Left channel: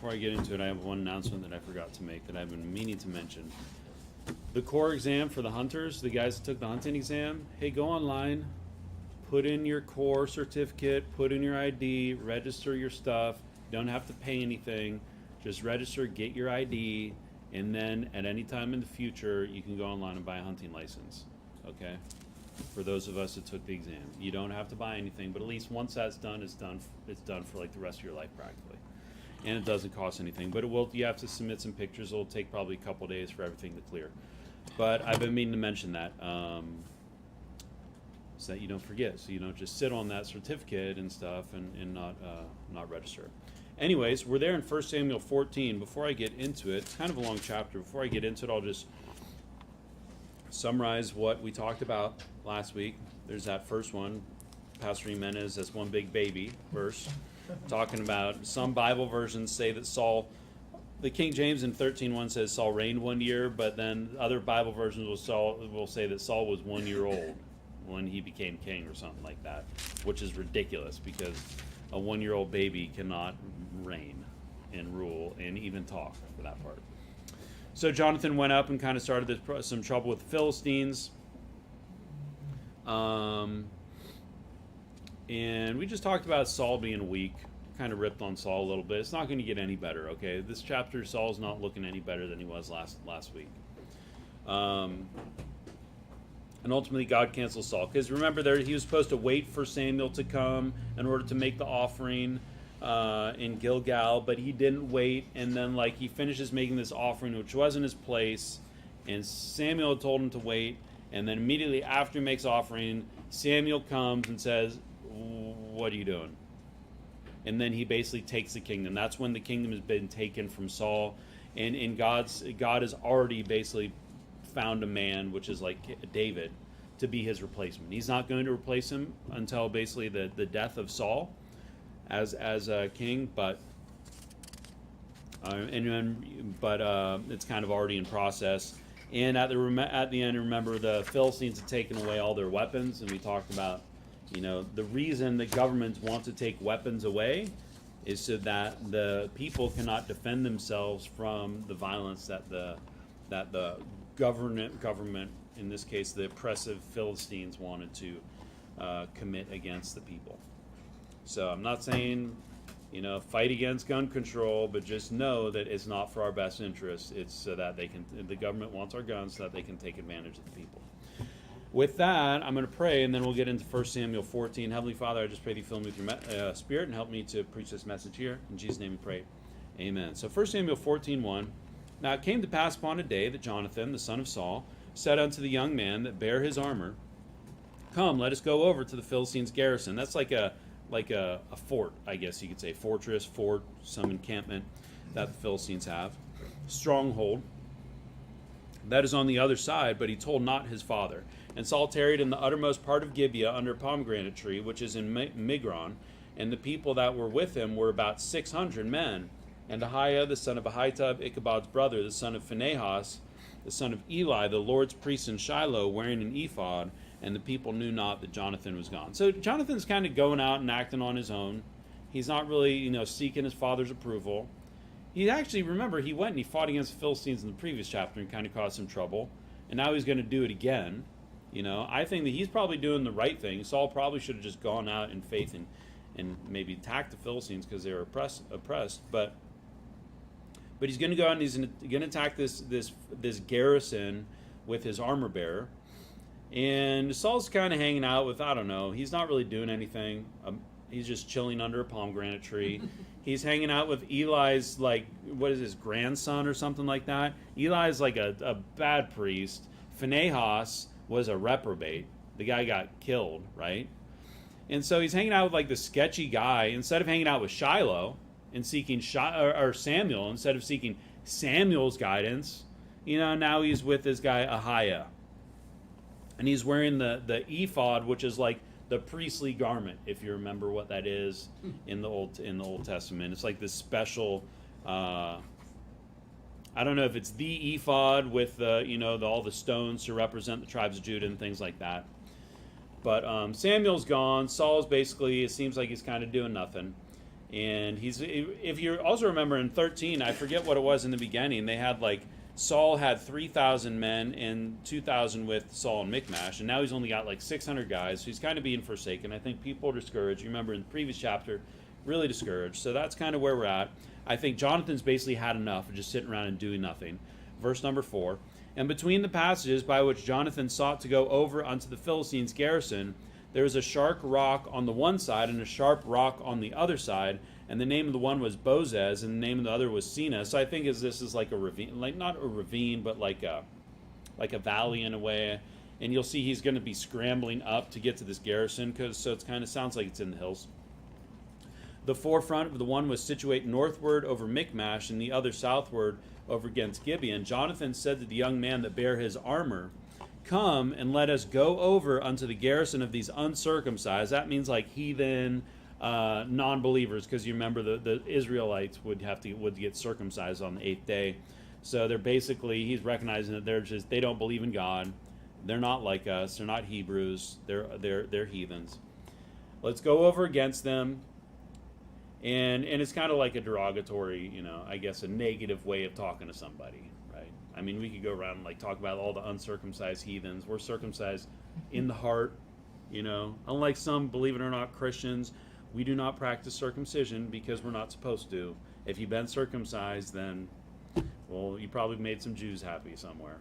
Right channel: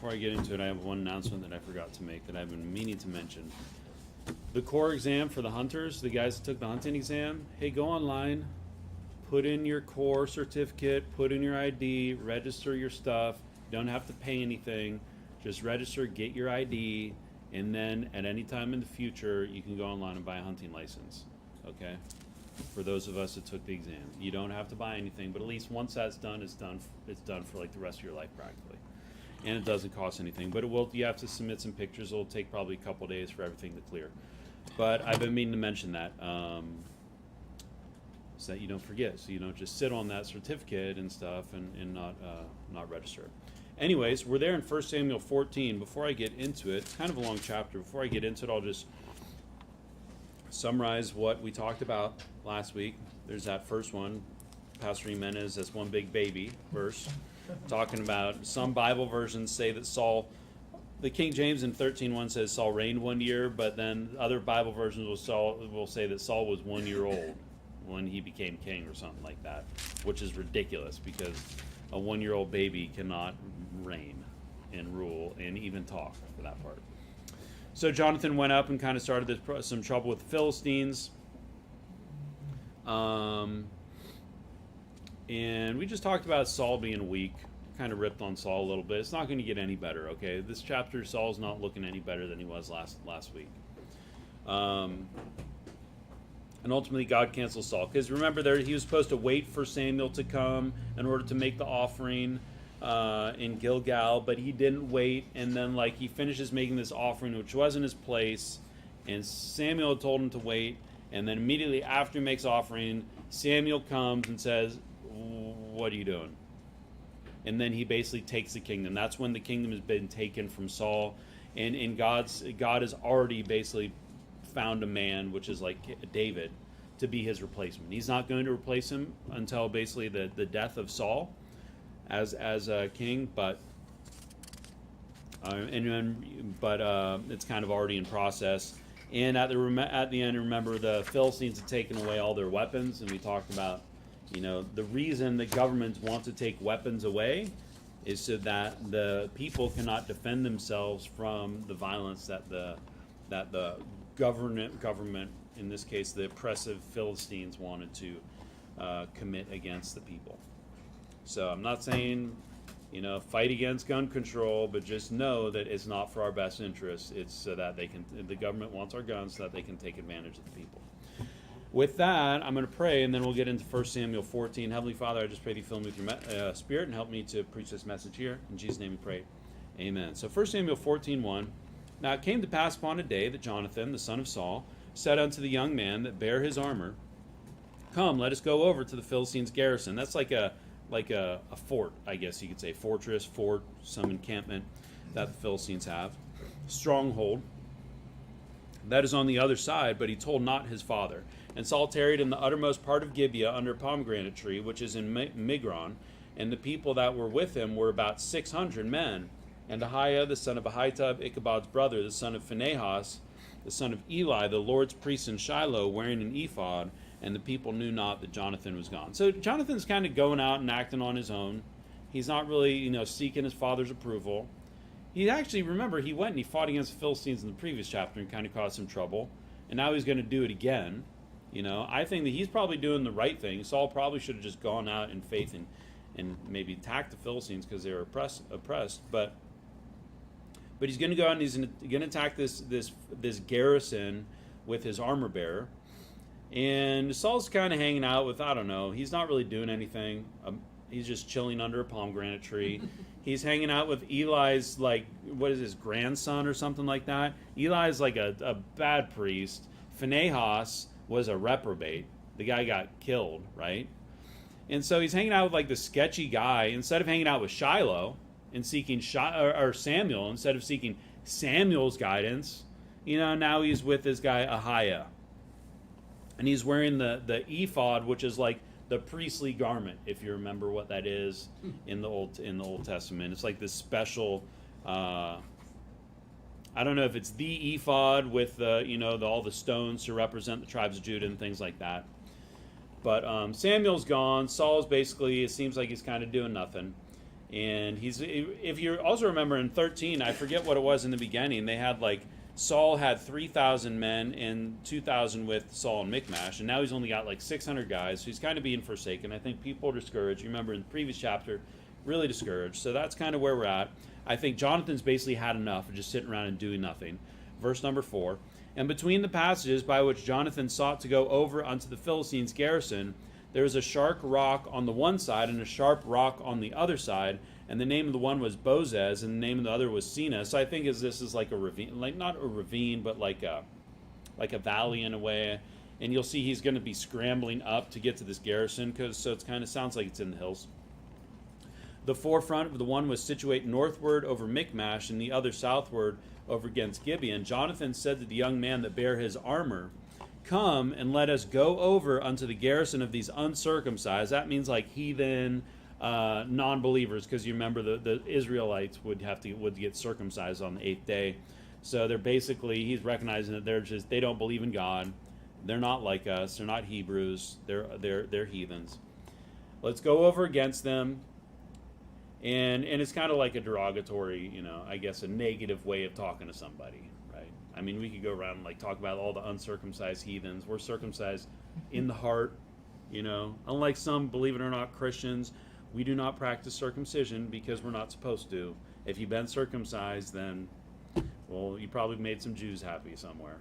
before I get into it, I have one announcement that I forgot to make that I've been meaning to mention. The core exam for the hunters, the guys that took the hunting exam, hey, go online, put in your core certificate, put in your ID, register your stuff. You don't have to pay anything. Just register, get your ID, and then at any time in the future, you can go online and buy a hunting license. Okay? For those of us that took the exam, you don't have to buy anything, but at least once that's done, it's done. It's done for like the rest of your life practically, and it doesn't cost anything. But it will. You have to submit some pictures. It'll take probably a couple days for everything to clear. But I've been meaning to mention that so that you don't forget, so you don't just sit on that certificate and stuff and not register. Anyways, we're there in 1 Samuel 14. Before I get into it, it's kind of a long chapter. Before I get into it, I'll just summarize what we talked about last week. There's that first one, Pastor Jimenez, that's one big baby verse, talking about some Bible versions say that Saul, the King James in 13:1 says Saul reigned 1 year, but then other Bible versions will say that Saul was 1 year old when he became king or something like that, which is ridiculous because a 1 year old baby cannot reign and rule and even talk for that part. So Jonathan went up and kind of started some trouble with the Philistines. And we just talked about Saul being weak, kind of ripped on Saul a little bit. It's not going to get any better, okay? This chapter, Saul's not looking any better than he was last week. And ultimately, God cancels Saul. Because remember, he was supposed to wait for Samuel to come in order to make the offering in Gilgal, but he didn't wait. And then, he finishes making this offering, which wasn't his place. And Samuel told him to wait. And then immediately after he makes offering, Samuel comes and says, "What are you doing?" And then he basically takes the kingdom. That's when the kingdom has been taken from Saul. And God has already basically found a man, which is like David, to be his replacement. He's not going to replace him until basically the death of Saul as a king, but it's kind of already in process. And at the end, remember, the Philistines had taken away all their weapons, and we talked about, the reason the governments want to take weapons away is so that the people cannot defend themselves from the violence that the government, in this case the oppressive Philistines, wanted to commit against the people. So I'm not saying, fight against gun control, but just know that it's not for our best interest. It's so that the government wants our guns so that they can take advantage of the people. With that, I'm going to pray, and then we'll get into 1 Samuel 14. Heavenly Father, I just pray that you fill me with your spirit and help me to preach this message here. In Jesus' name we pray. Amen. So 1 Samuel 14:1. Now it came to pass upon a day that Jonathan, the son of Saul, said unto the young man that bare his armor, "Come, let us go over to the Philistines' garrison." That's like a fort, I guess you could say. Fortress, fort, some encampment that the Philistines have. Stronghold. That is on the other side, but he told not his father. And Saul tarried in the uttermost part of Gibeah under a pomegranate tree, which is in Migron. And the people that were with him were about 600 men. And Ahiah, the son of Ahitub, Ichabod's brother, the son of Phinehas, the son of Eli, the Lord's priest in Shiloh, wearing an ephod, and the people knew not that Jonathan was gone. So Jonathan's kind of going out and acting on his own. He's not really, seeking his father's approval. He actually, remember, he went and he fought against the Philistines in the previous chapter and kind of caused some trouble. And now he's going to do it again. I think that he's probably doing the right thing. Saul probably should have just gone out in faith and maybe attacked the Philistines because they were oppressed. But he's going to go out and he's going to attack this garrison with his armor bearer. And Saul's kind of hanging out with, I don't know, he's not really doing anything. He's just chilling under a pomegranate tree. He's hanging out with Eli's, what is his grandson or something like that. Eli's like a bad priest. Phinehas was a reprobate. The guy got killed, right? And so he's hanging out with the sketchy guy. Instead of hanging out with Shiloh and seeking Samuel, instead of seeking Samuel's guidance, now he's with this guy Ahiah. And he's wearing the ephod, which is like the priestly garment, if you remember what that is in the Old Testament. It's like this special, I don't know if it's the ephod with all the stones to represent the tribes of Judah and things like that. But Samuel's gone. Saul's basically, it seems like he's kind of doing nothing. And if you also remember in 13, I forget what it was in the beginning, they had like, Saul had 3,000 men and 2,000 with Saul and Michmash, and now he's only got like 600 guys, so he's kind of being forsaken. I think people are discouraged. You remember in the previous chapter, really discouraged. So that's kind of where we're at. I think Jonathan's basically had enough of just sitting around and doing nothing. Verse number 4. And between the passages by which Jonathan sought to go over unto the Philistines' garrison, there was a sharp rock on the one side and a sharp rock on the other side, and the name of the one was Bozez, and the name of the other was Sina. So I think this is like a ravine, like not a ravine, but like a valley in a way. And you'll see he's going to be scrambling up to get to this garrison, so it kind of sounds like it's in the hills. The forefront of the one was situate northward over Michmash, and the other southward over against Gibeon. Jonathan said to the young man that bare his armor, "Come and let us go over unto the garrison of these uncircumcised." That means like heathen, non-believers, because you remember the Israelites would get circumcised on the 8th day. So they're basically, he's recognizing that they don't believe in God. They're not like us. They're not Hebrews. They're heathens. Let's go over against them. And it's kind of like a derogatory, I guess a negative way of talking to somebody, right? I mean, we could go around and like talk about all the uncircumcised heathens. We're circumcised in the heart, Unlike some, believe it or not, Christians, we do not practice circumcision because we're not supposed to. If you've been circumcised, then, well, you probably made some Jews happy somewhere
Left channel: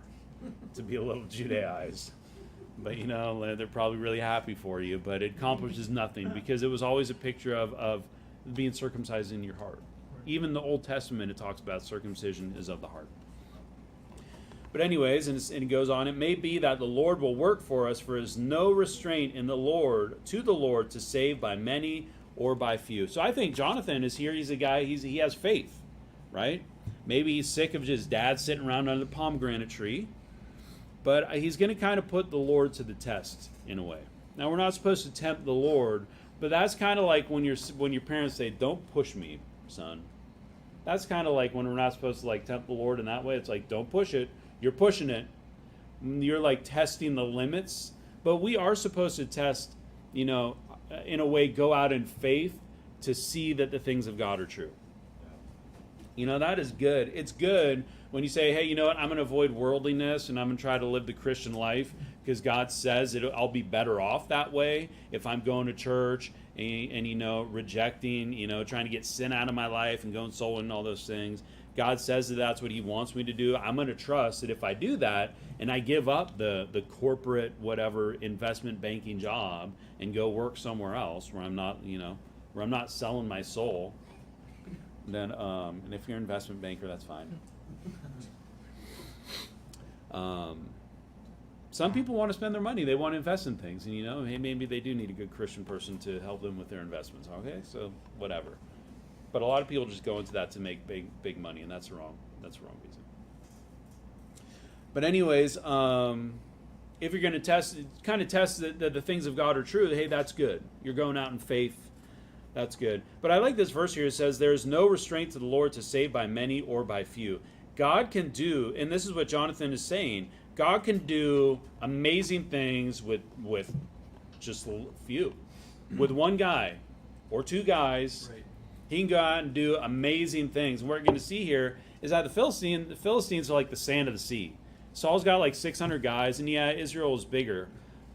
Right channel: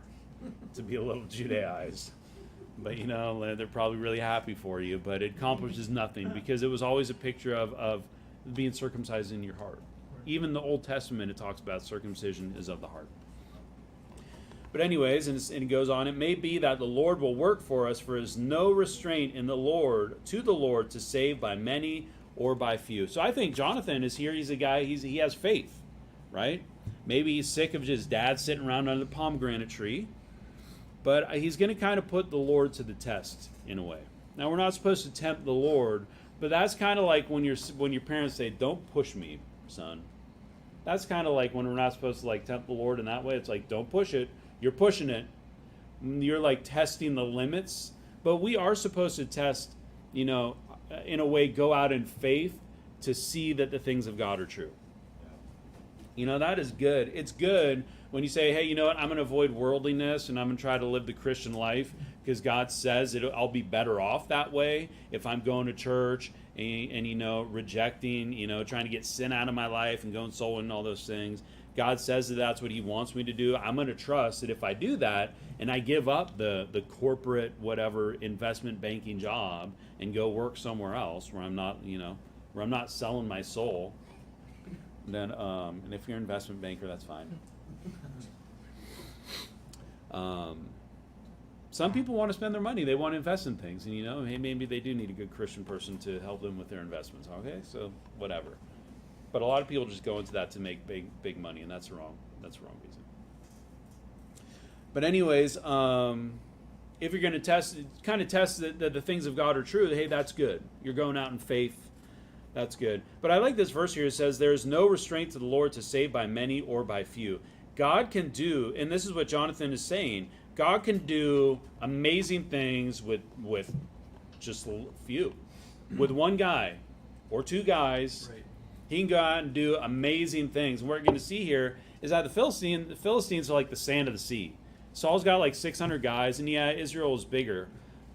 to be a little Judaized. But, they're probably really happy for you. But it accomplishes nothing because it was always a picture of being circumcised in your heart. Even the Old Testament, it talks about circumcision is of the heart. But anyways, and it goes on, it may be that the Lord will work for us, for there is no restraint in the Lord to save by many or by few. So I think Jonathan is here. He's a guy, he has faith, right? Maybe he's sick of his dad sitting around under the pomegranate tree. But he's going to kind of put the Lord to the test in a way. Now, we're not supposed to tempt the Lord, but that's kind of like when your parents say, "Don't push me, son." That's kind of like when we're not supposed to like tempt the Lord in that way. It's like, don't push it. You're pushing it. You're like testing the limits. But we are supposed to test, in a way, go out in faith to see that the things of God are true. That is good. It's good when you say, hey, you know what, I'm going to avoid worldliness and I'm going to try to live the Christian life because God says I'll be better off that way if I'm going to church and rejecting, trying to get sin out of my life and going soul and all those things. God says that that's what he wants me to do. I'm going to trust that if I do that and I give up the corporate whatever investment banking job and go work somewhere else where I'm not selling my soul, then and if you're an investment banker, that's fine. Some people want to spend their money. They want to invest in things, and hey, maybe they do need a good Christian person to help them with their investments. Okay, so whatever. But a lot of people just go into that to make big money, and that's wrong. That's the wrong reason. But anyways, if you're going to test that the things of God are true, hey, that's good. You're going out in faith. That's good. But I like this verse here. It says, there is no restraint to the Lord to save by many or by few. God can do, and this is what Jonathan is saying, God can do amazing things with just a few. With one guy or two guys, right. He can go out and do amazing things. And what we're going to see here is that the Philistines are like the sand of the sea. Saul's got like 600 guys, and yeah, Israel is bigger.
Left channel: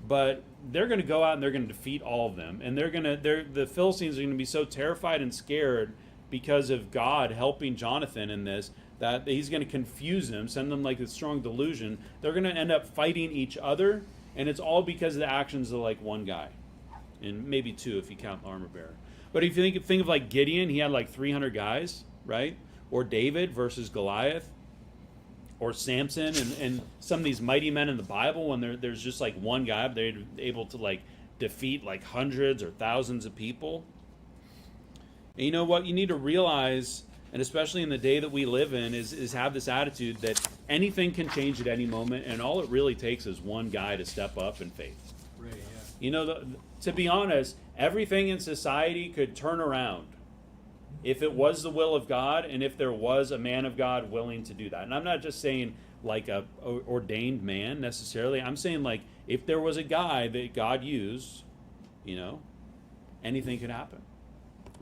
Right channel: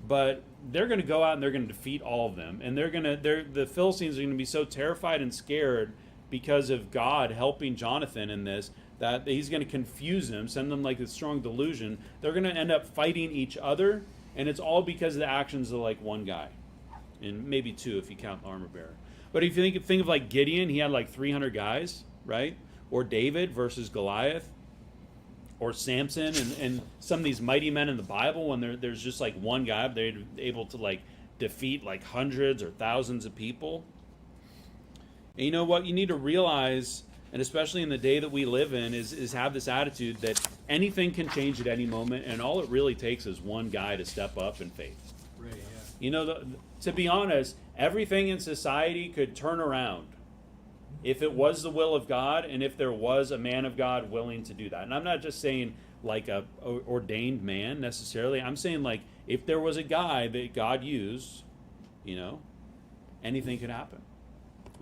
But they're going to go out and they're going to defeat all of them. And the Philistines are going to be so terrified and scared because of God helping Jonathan in this, that he's going to confuse them, send them like a strong delusion. They're going to end up fighting each other, and it's all because of the actions of like one guy. And maybe two if you count the armor bearer. But if you think of like Gideon, he had like 300 guys, right? Or David versus Goliath. Or Samson and some of these mighty men in the Bible, when there's just like one guy, they're able to like defeat like hundreds or thousands of people. And you know what you need to realize, and especially in the day that we live in, is have this attitude that anything can change at any moment, and all it really takes is one guy to step up in faith. Right, yeah. To be honest, everything in society could turn around if it was the will of God, and if there was a man of God willing to do that. And I'm not just saying like a ordained man necessarily. I'm saying like if there was a guy that God used, anything could happen.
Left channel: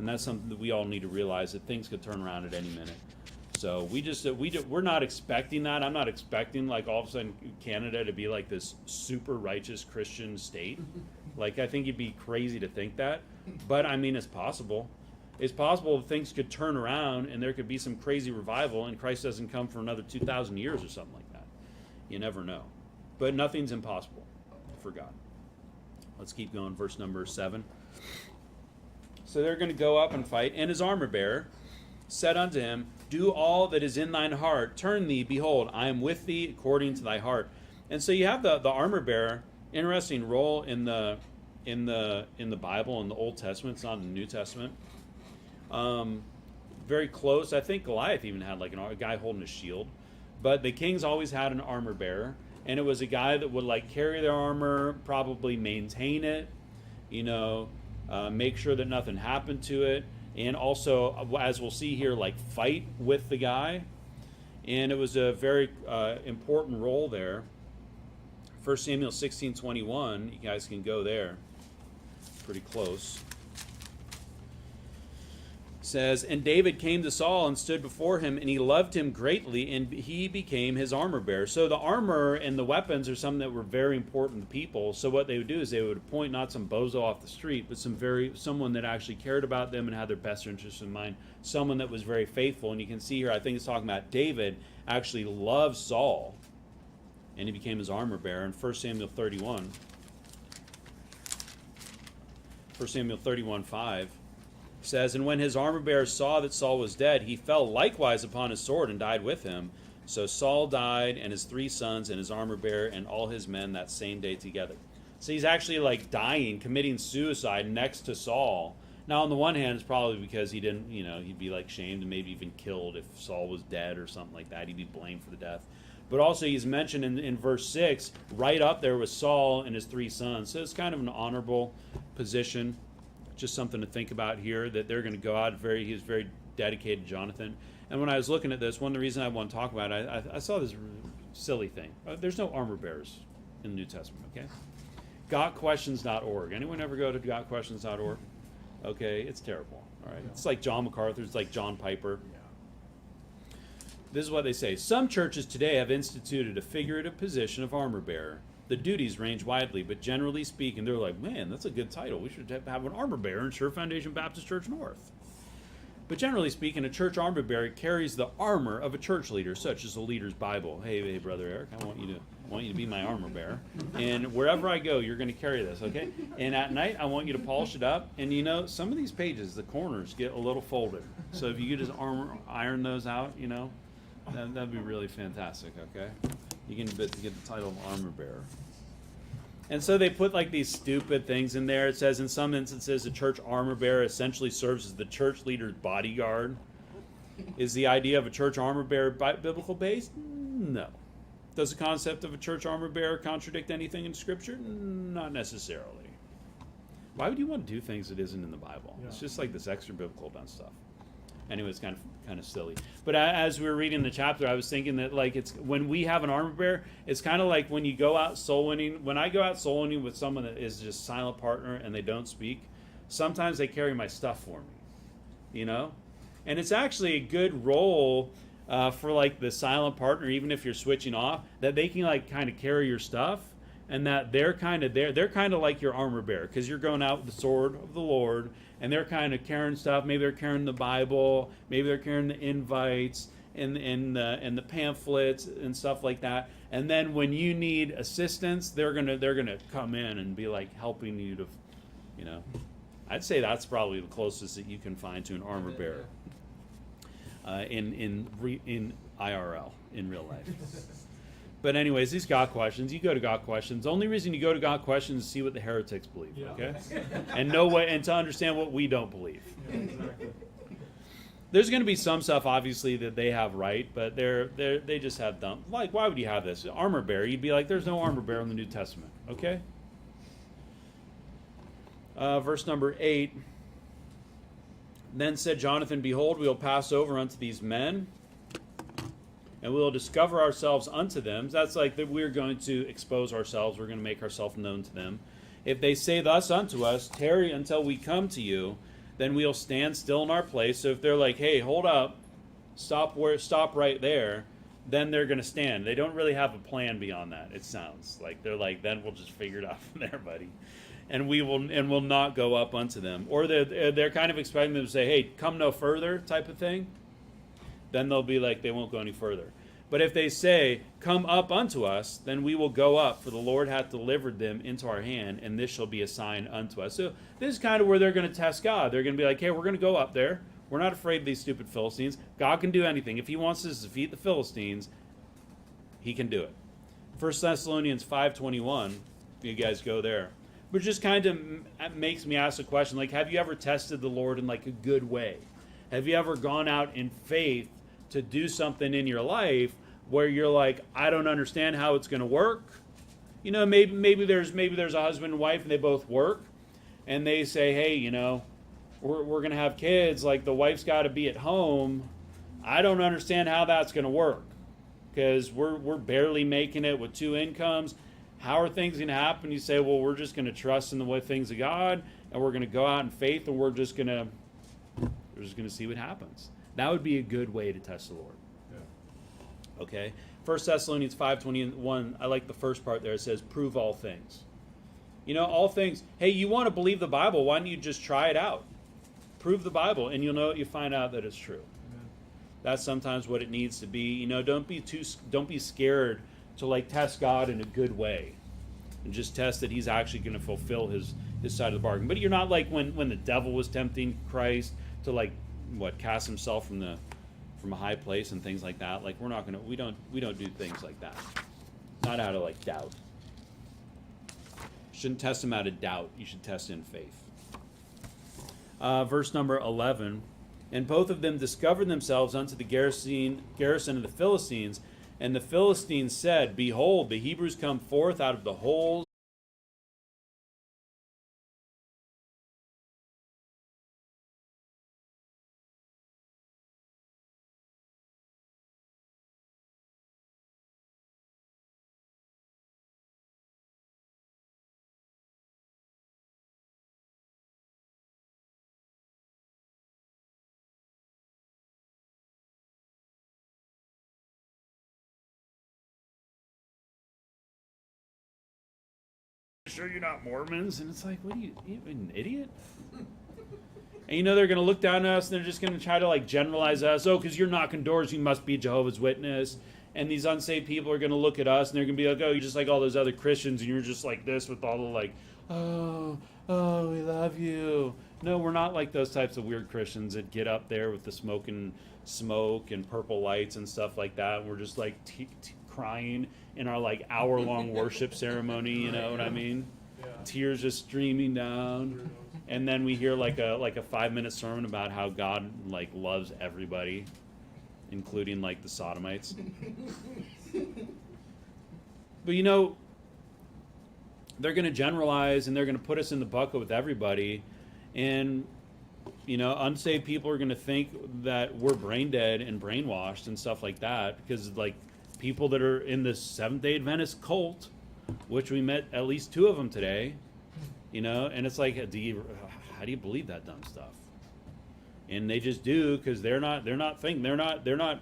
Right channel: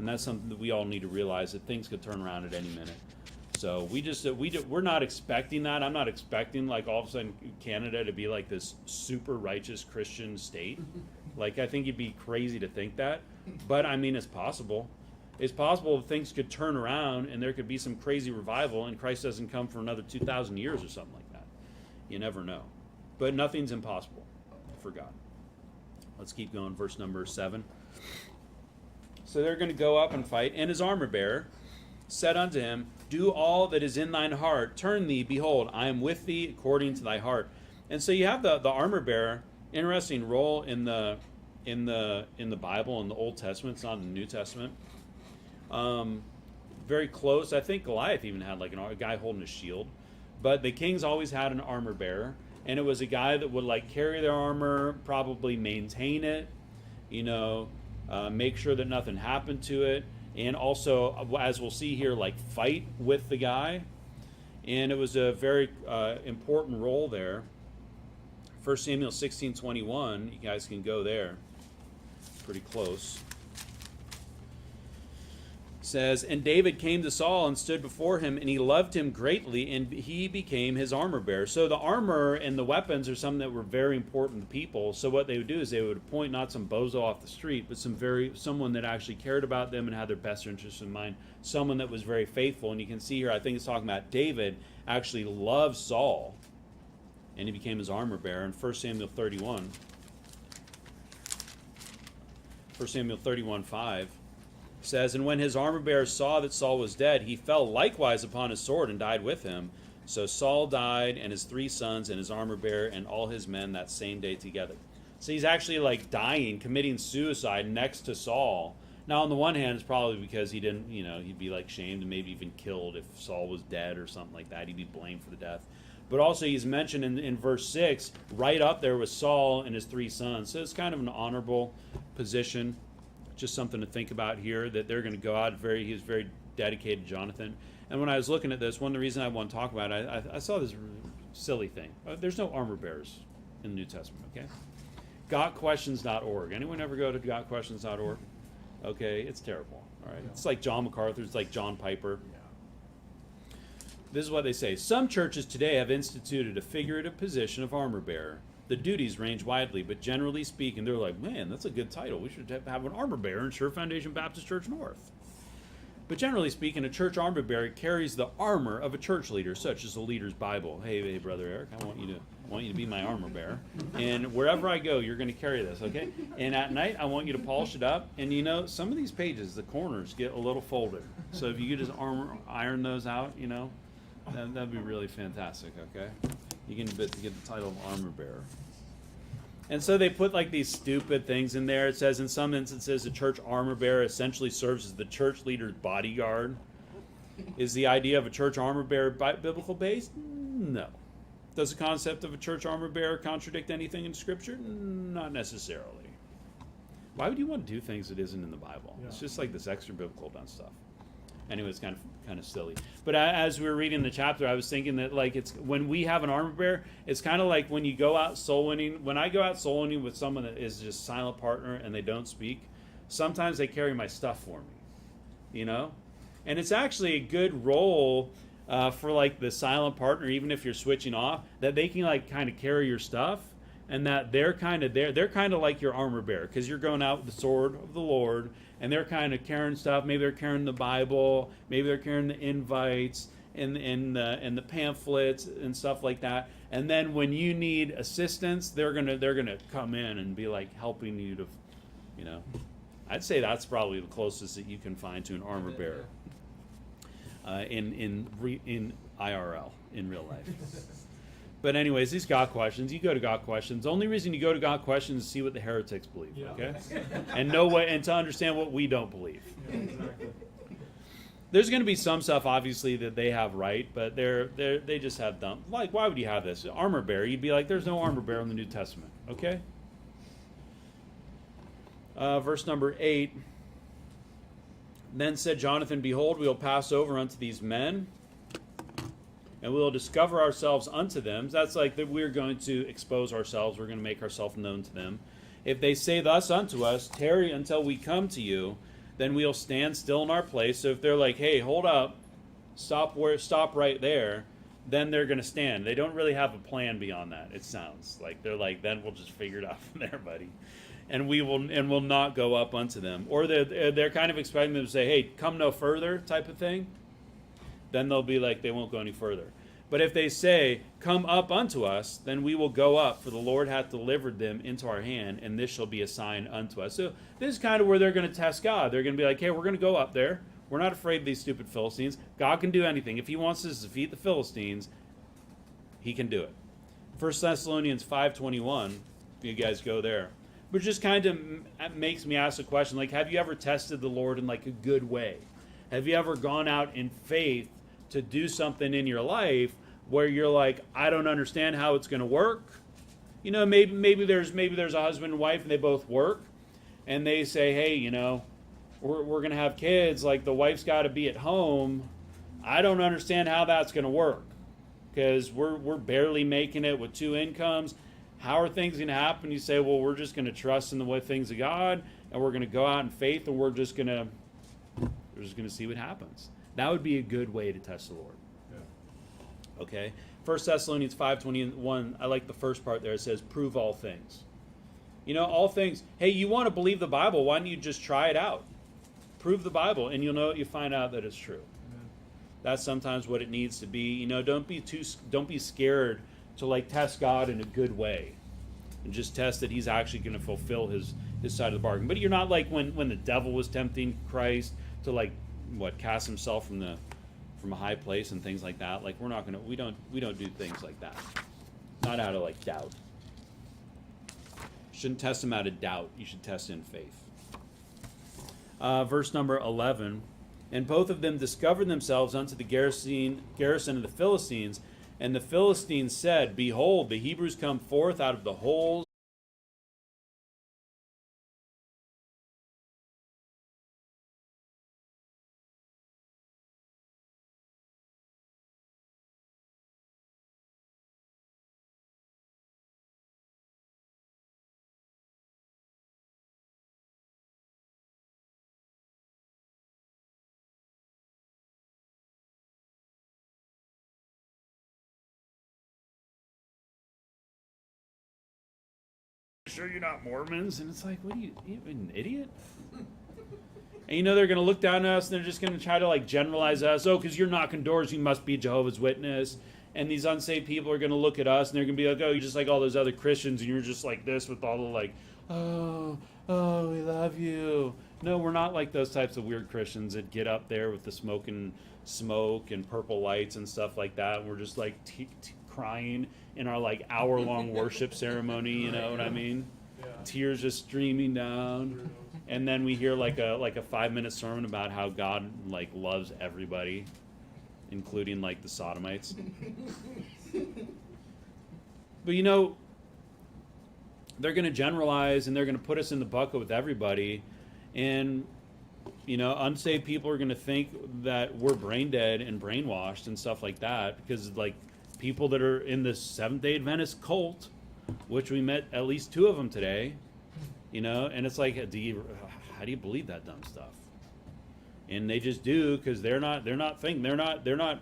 And that's something that we all need to realize, that things could turn around at any minute. So we're not expecting that. I'm not expecting like all of a sudden Canada to be like this super righteous Christian state. Like, I think it'd be crazy to think that. But I mean, it's possible. It's possible that things could turn around and there could be some crazy revival and Christ doesn't come for another 2,000 years or something like that. You never know. But nothing's impossible for God. Let's keep going. Verse number 7. So they're going to go up and fight. And his armor bearer said unto him, do all that is in thine heart. Turn thee, behold, I am with thee according to thy heart. And so you have the armor bearer. Interesting role in the Bible, in the Old Testament. It's not in the New Testament. Very close. I think Goliath even had like a guy holding a shield. But the kings always had an armor bearer. And it was a guy that would like carry their armor, probably maintain it, make sure that nothing happened to it. And also, as we'll see here, like fight with the guy. And it was a very important role there. 1 Samuel 16:21, you guys can go there. Pretty close. It says, and David came to Saul and stood before him, and he loved him greatly, and he became his armor bearer. So the armor and the weapons are something that were very important to people. So what they would do is they would appoint not some bozo off the street, but someone that actually cared about them and had their best interests in mind. Someone that was very faithful. And you can see here, I think it's talking about David actually loved Saul, and he became his armor bearer. In 1 Samuel 31, 1 Samuel 31:5 says, and when his armor bearer saw that Saul was dead, he fell likewise upon his sword and died with him. So Saul died, and his 3 sons, and his armor bearer, and all his men that same day together. So he's actually like dying, committing suicide next to Saul. Now, on the one hand, it's probably because he didn't, he'd be like shamed and maybe even killed if Saul was dead or something like that. He'd be blamed for the death. But also he's mentioned in verse 6, right up there with Saul and his 3 sons. So it's kind of an honorable position. Just something to think about here, that they're going to go out he's very dedicated, Jonathan. And when I was looking at this, one of the reasons I want to talk about it, I saw this silly thing. There's no armor bearers in the New Testament, okay? GotQuestions.org. Anyone ever go to GotQuestions.org? Okay, it's terrible. All right, it's like John MacArthur, it's like John Piper. This is what they say. Some churches today have instituted a figurative position of armor bearer. The duties range widely, but generally speaking, they're like, man, that's a good title. We should have an armor bearer in Sure Foundation Baptist Church North. But generally speaking, a church armor bearer carries the armor of a church leader, such as the leader's Bible. Hey, Brother Eric, I want you to be my armor bearer. And wherever I go, you're going to carry this, okay? And at night, I want you to polish it up. And some of these pages, the corners get a little folded. So if you could just iron those out, that'd be really fantastic, okay? You can get the title of armor bearer. And so they put like these stupid things in there. It says in some instances, the church armor bearer essentially serves as the church leader's bodyguard. Is the idea of a church armor bearer biblical based? No. Does the concept of a church armor bearer contradict anything in Scripture? Not necessarily. Why would you want to do things that isn't in the Bible? Yeah. It's just like this extra biblical about stuff. Anyway, it's kind of silly. But as we were reading the chapter, I was thinking that like it's when we have an armor bearer, it's kind of like when you go out soul winning. When I go out soul winning with someone that is just silent partner and they don't speak, sometimes they carry my stuff for me, And it's actually a good role for like the silent partner, even if you're switching off, that they can like kind of carry your stuff, and that they're kind of there. They're kind of like your armor bearer because you're going out with the sword of the Lord. And they're kind of carrying stuff. Maybe they're carrying the Bible. Maybe they're carrying the invites and the pamphlets and stuff like that. And then when you need assistance, they're gonna come in and be like helping you to, I'd say that's probably the closest that you can find to an armor bearer in IRL, in real life. But anyways, these God questions, you go to God questions. The only reason you go to God questions is to see what the heretics believe, okay? And and to understand what we don't believe. Yeah, exactly. There's going to be some stuff, obviously, that they have right, but they just have dumb. Like, why would you have this? Armor bearer, you'd be like, there's no armor bearer in the New Testament, okay? Verse number 8. Then said Jonathan, behold, we will pass over unto these men, and we will discover ourselves unto them. That's like that we're going to expose ourselves. We're going to make ourselves known to them. If they say thus unto us, tarry until we come to you, then we'll stand still in our place. So if they're like, hey, hold up, stop right there, then they're going to stand. They don't really have a plan beyond that, it sounds. Like they're like, then we'll just figure it out from there, buddy. And will not go up unto them. Or they're kind of expecting them to say, hey, come no further type of thing. Then they'll be like, they won't go any further. But if they say, come up unto us, then we will go up, for the Lord hath delivered them into our hand, and this shall be a sign unto us. So this is kind of where they're going to test God. They're going to be like, hey, we're going to go up there. We're not afraid of these stupid Philistines. God can do anything. If he wants us to defeat the Philistines, he can do it. 1 Thessalonians 5:21, you guys go there. Which just kind of makes me ask the question, like, have you ever tested the Lord in like a good way? Have you ever gone out in faith to do something in your life where you're like, I don't understand how it's going to work? You know, maybe there's a husband and wife and they both work, and they say, hey, you know, we're going to have kids, like the wife's got to be at home. I don't understand how that's going to work because we're barely making it with 2 incomes. How are things going to happen? You say, well, we're just going to trust in the way things of God, and we're going to go out in faith, and we're just going to see what happens. That would be a good way to test the Lord. Yeah. Okay. 1 Thessalonians 5:21. I like the first part there. It says, "Prove all things." You know, all things. Hey, you want to believe the Bible? Why don't you just try it out? Prove the Bible, and you'll know. You find out that it's true. Yeah. That's sometimes what it needs to be. You know, don't be scared to like test God in a good way, and just test that he's actually going to fulfill his side of the bargain. But you're not like when the devil was tempting Christ to like cast himself from a high place and things like that. Like we don't do things like that. Not out of like doubt. You shouldn't test him out of doubt. You should test in faith. Verse number 11. And both of them discovered themselves unto the garrison of the Philistines. And the Philistines said, Behold, the Hebrews come forth out of the holes. Sure you're not Mormons? And it's like, what are you an idiot? And you know they're going to look down at us and they're just going to try to like generalize us. Oh, because you're knocking doors, you must be Jehovah's Witness. And these unsaved people are going to look at us and they're going to be like, oh, you're just like all those other Christians and you're just like this with all the like, oh, we love you. No, we're not like those types of weird Christians that get up there with the smoke and purple lights and stuff like that. We're just like crying in our like hour-long worship ceremony, you know what I mean? Yeah. Tears just streaming down, and then we hear like a 5-minute sermon about how God like loves everybody, including like the sodomites. But you know, they're going to generalize and they're going to put us in the bucket with everybody, and you know, unsaved people are going to think that we're brain dead and brainwashed and stuff like that because like people that are in the Seventh-day Adventist cult, which we met at least 2 of them today, you know, and it's like, how do you believe that dumb stuff? And they just do because they're not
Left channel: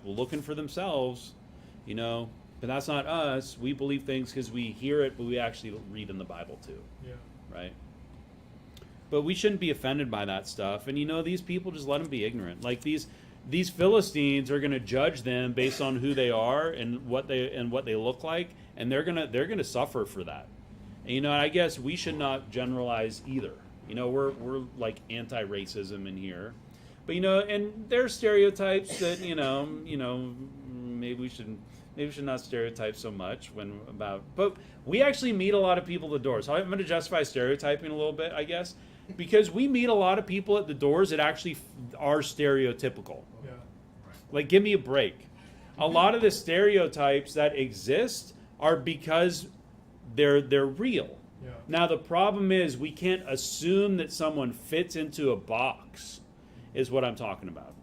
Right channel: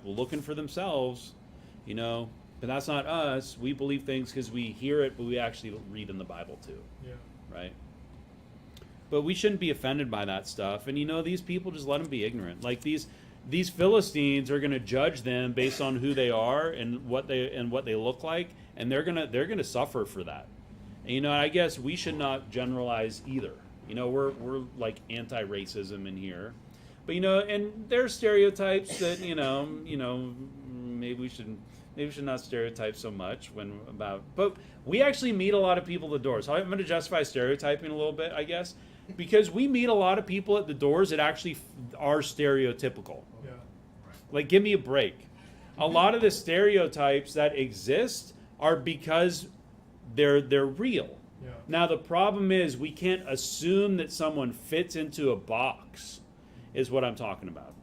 looking for themselves, you know. But that's not us. We believe things because we hear it, but we actually read in the Bible too, yeah. Right? But we shouldn't be offended by that stuff. And you know, these people, just let them be ignorant. Like these Philistines are going to judge them based on who they are and what they look like, and they're gonna suffer for that. And you know, I guess we should not generalize either. You know, we're like anti-racism in here, but you know, and there's stereotypes that you know maybe we should not stereotype so much but we actually meet a lot of people at the doors. So I'm going to justify stereotyping a little bit, I guess, because we meet a lot of people at the doors that actually are stereotypical. Yeah. Right. Like, give me a break. A lot of the stereotypes that exist are because they're real. Yeah. Now, the problem is we can't assume that someone fits into a box, is what I'm talking about.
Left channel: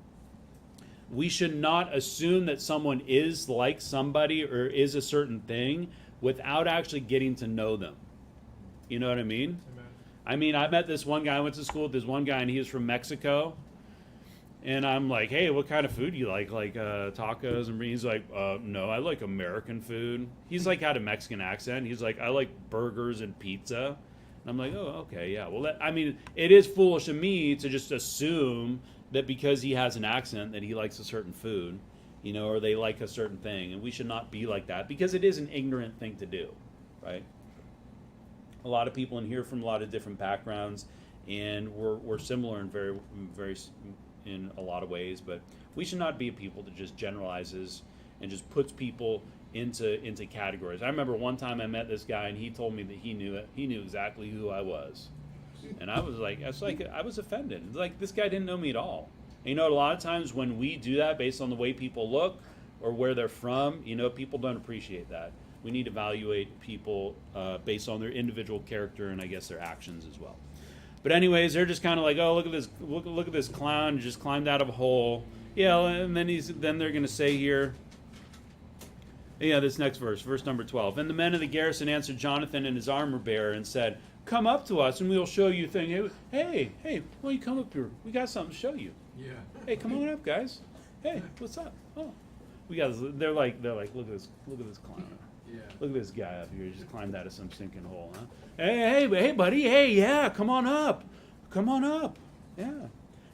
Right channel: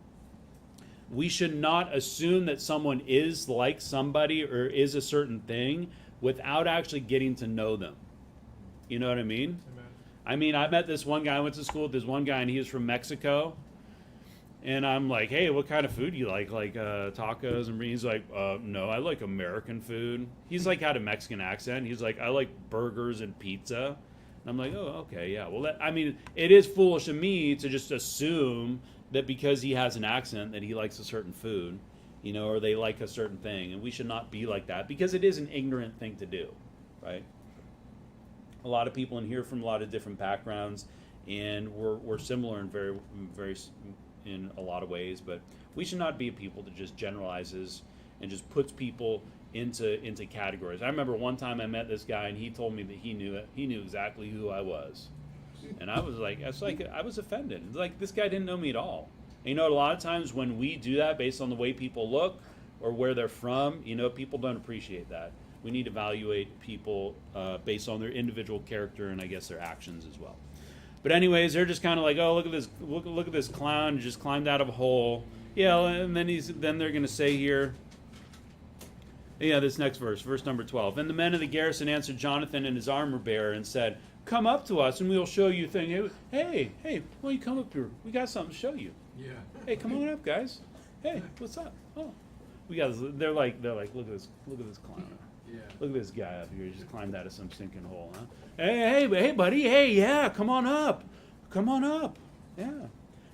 We should not assume that someone is like somebody or is a certain thing without actually getting to know them. You know what I mean? Amen. I mean, I met this one guy. I went to school with this one guy, and he was from Mexico. And I'm like, hey, what kind of food do you like? Like tacos? And he's like, no, I like American food. He's like had a Mexican accent. He's like, I like burgers and pizza. And I'm like, oh, okay, yeah. Well, I mean, it is foolish of me to just assume that because he has an accent that he likes a certain food, you know, or they like a certain thing. And we should not be like that because it is an ignorant thing to do, right? A lot of people in here from a lot of different backgrounds, and we're similar in very in a lot of ways, but we should not be people that just generalizes and just puts people into categories. I remember one time I met this guy, and he told me that he knew exactly who I was, and I was like, I was offended. Like, this guy didn't know me at all. And, you know, a lot of times when we do that based on the way people look or where they're from, you know, people don't appreciate that. We need to evaluate people based on their individual character and, I guess, their actions as well. But anyways, they're just kind of like, oh, look at this clown who just climbed out of a hole. Yeah, and then they're going to say here, yeah, this next verse number 12. And the men of the garrison answered Jonathan and his armor bearer and said, come up to us and we'll show you things. Hey, why don't you come up here? We got something to show you. Yeah. Hey, come on up, guys. Hey, what's up? Oh, they're like, look at this clown. Yeah. Look at this guy up here. He just climbed out of some sinking hole, huh? Hey, buddy. Hey, yeah, come on up. Yeah.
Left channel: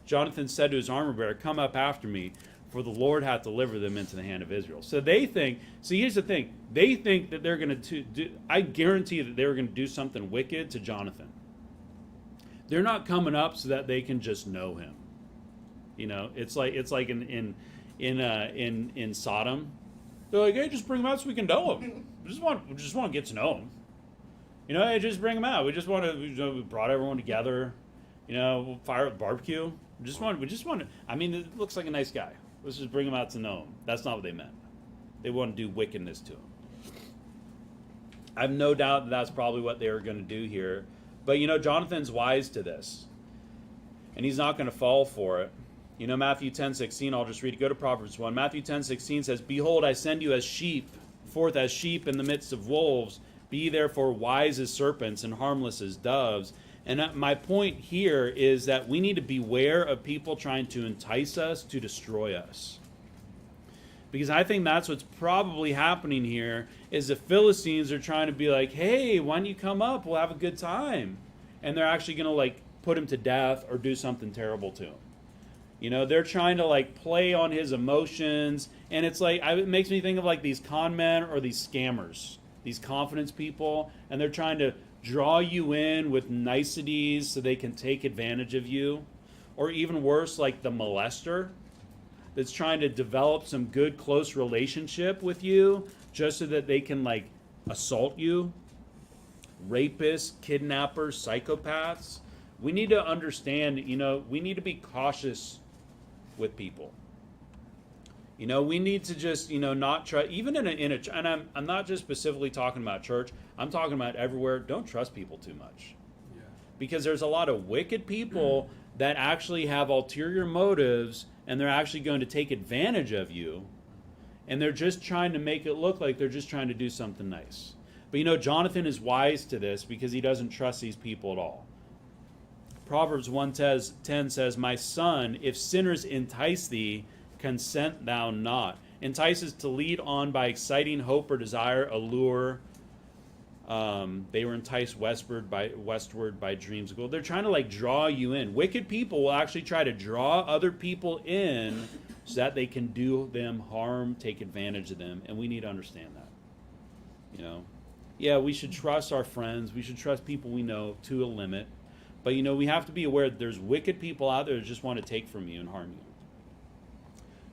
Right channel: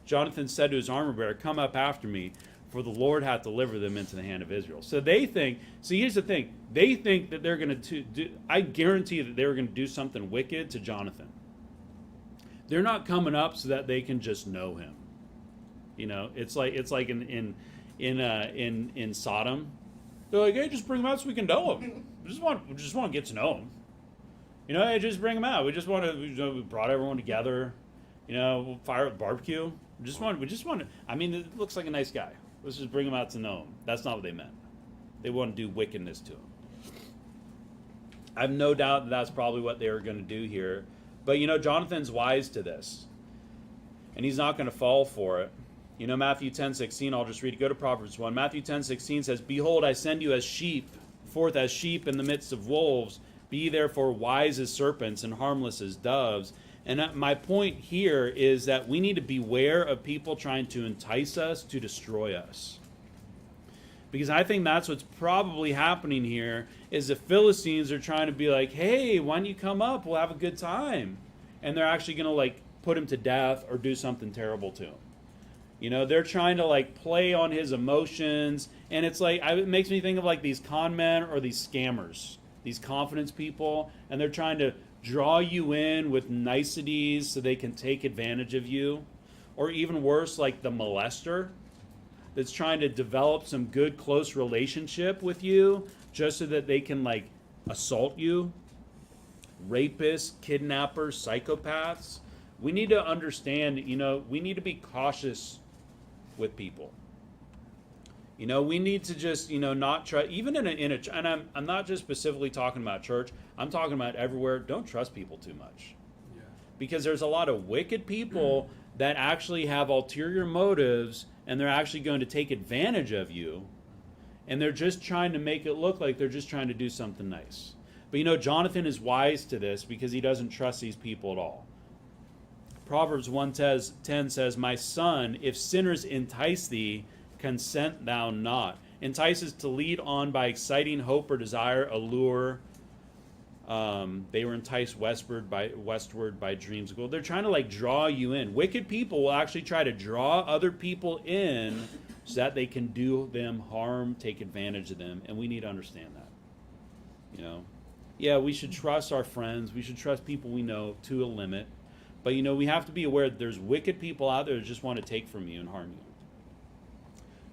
Jonathan said to his armor bearer, come up after me, for the Lord hath delivered them into the hand of Israel. So they think, here's the thing. They think that they're going to do, I guarantee that they're going to do something wicked to Jonathan. They're not coming up so that they can just know him. You know, it's like in Sodom. They're like, hey, just bring him out so we can know him. We just want to get to know him. You know, hey, just bring him out. We we brought everyone together. You know, we'll fire up barbecue. We just want to. I mean, it looks like a nice guy. Let's just bring him out to know him. That's not what they meant. They want to do wickedness to him. I have no doubt that that's probably what they were going to do here. But, you know, Jonathan's wise to this. And he's not going to fall for it. You know, Matthew 10:16, I'll just read it. Go to Proverbs 1. Matthew 10:16 says, behold, I send you forth as sheep in the midst of wolves. Be therefore wise as serpents and harmless as doves. And my point here is that we need to beware of people trying to entice us to destroy us. Because I think that's what's probably happening here, is the Philistines are trying to be like, hey, why don't you come up? We'll have a good time. And they're actually going to, like, put him to death or do something terrible to him. You know, they're trying to, like, play on his emotions. And it's like, it makes me think of, like, these con men or these scammers, these confidence people. And they're trying to draw you in with niceties so they can take advantage of you. Or even worse, like the molester that's trying to develop some good, close relationship with you just so that they can, like, assault you. Rapists, kidnappers, psychopaths. We need to understand, you know, we need to be cautious with people. You know, we need to just, you know, not try, even in a and I'm not just specifically talking about church, I'm talking about everywhere. Don't trust people too much. Yeah. Because there's a lot of wicked people that actually have ulterior motives, and they're actually going to take advantage of you, and they're just trying to make it look like they're just trying to do something nice. But, you know, Jonathan is wise to this because he doesn't trust these people at all. Proverbs 1:10 says, my son, if sinners entice thee, consent thou not. Entices to lead on by exciting hope or desire, allure. They were enticed westward by dreams of gold. They're trying to, like, draw you in. Wicked people will actually try to draw other people in so that they can do them harm, take advantage of them, and we need to understand that. You know, yeah, we should trust our friends. We should trust people we know to a limit. But, you know, we have to be aware that there's wicked people out there that just want to take from you and harm you.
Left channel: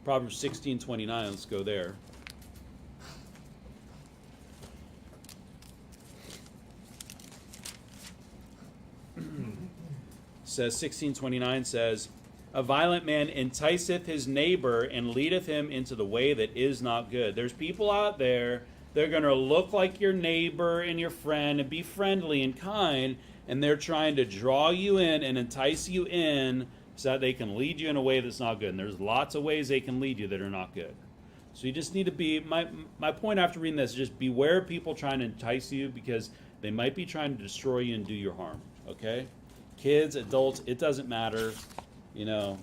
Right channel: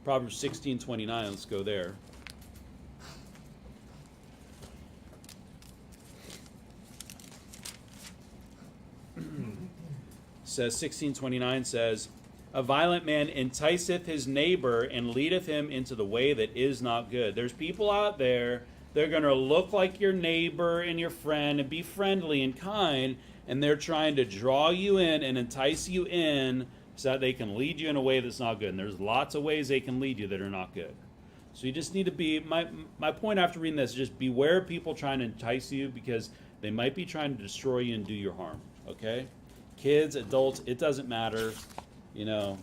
Proverbs 16:29, let's go there. Says 16:29 says, a violent man enticeth his neighbor and leadeth him into the way that is not good. There's people out there, they're going to look like your neighbor and your friend and be friendly and kind, and they're trying to draw you in and entice you in so that they can lead you in a way that's not good. And there's lots of ways they can lead you that are not good. So you just need to be, my point after reading this is just beware of people trying to entice you, because they might be trying to destroy you and do you harm. okay? Kids, adults, it doesn't matter. You know,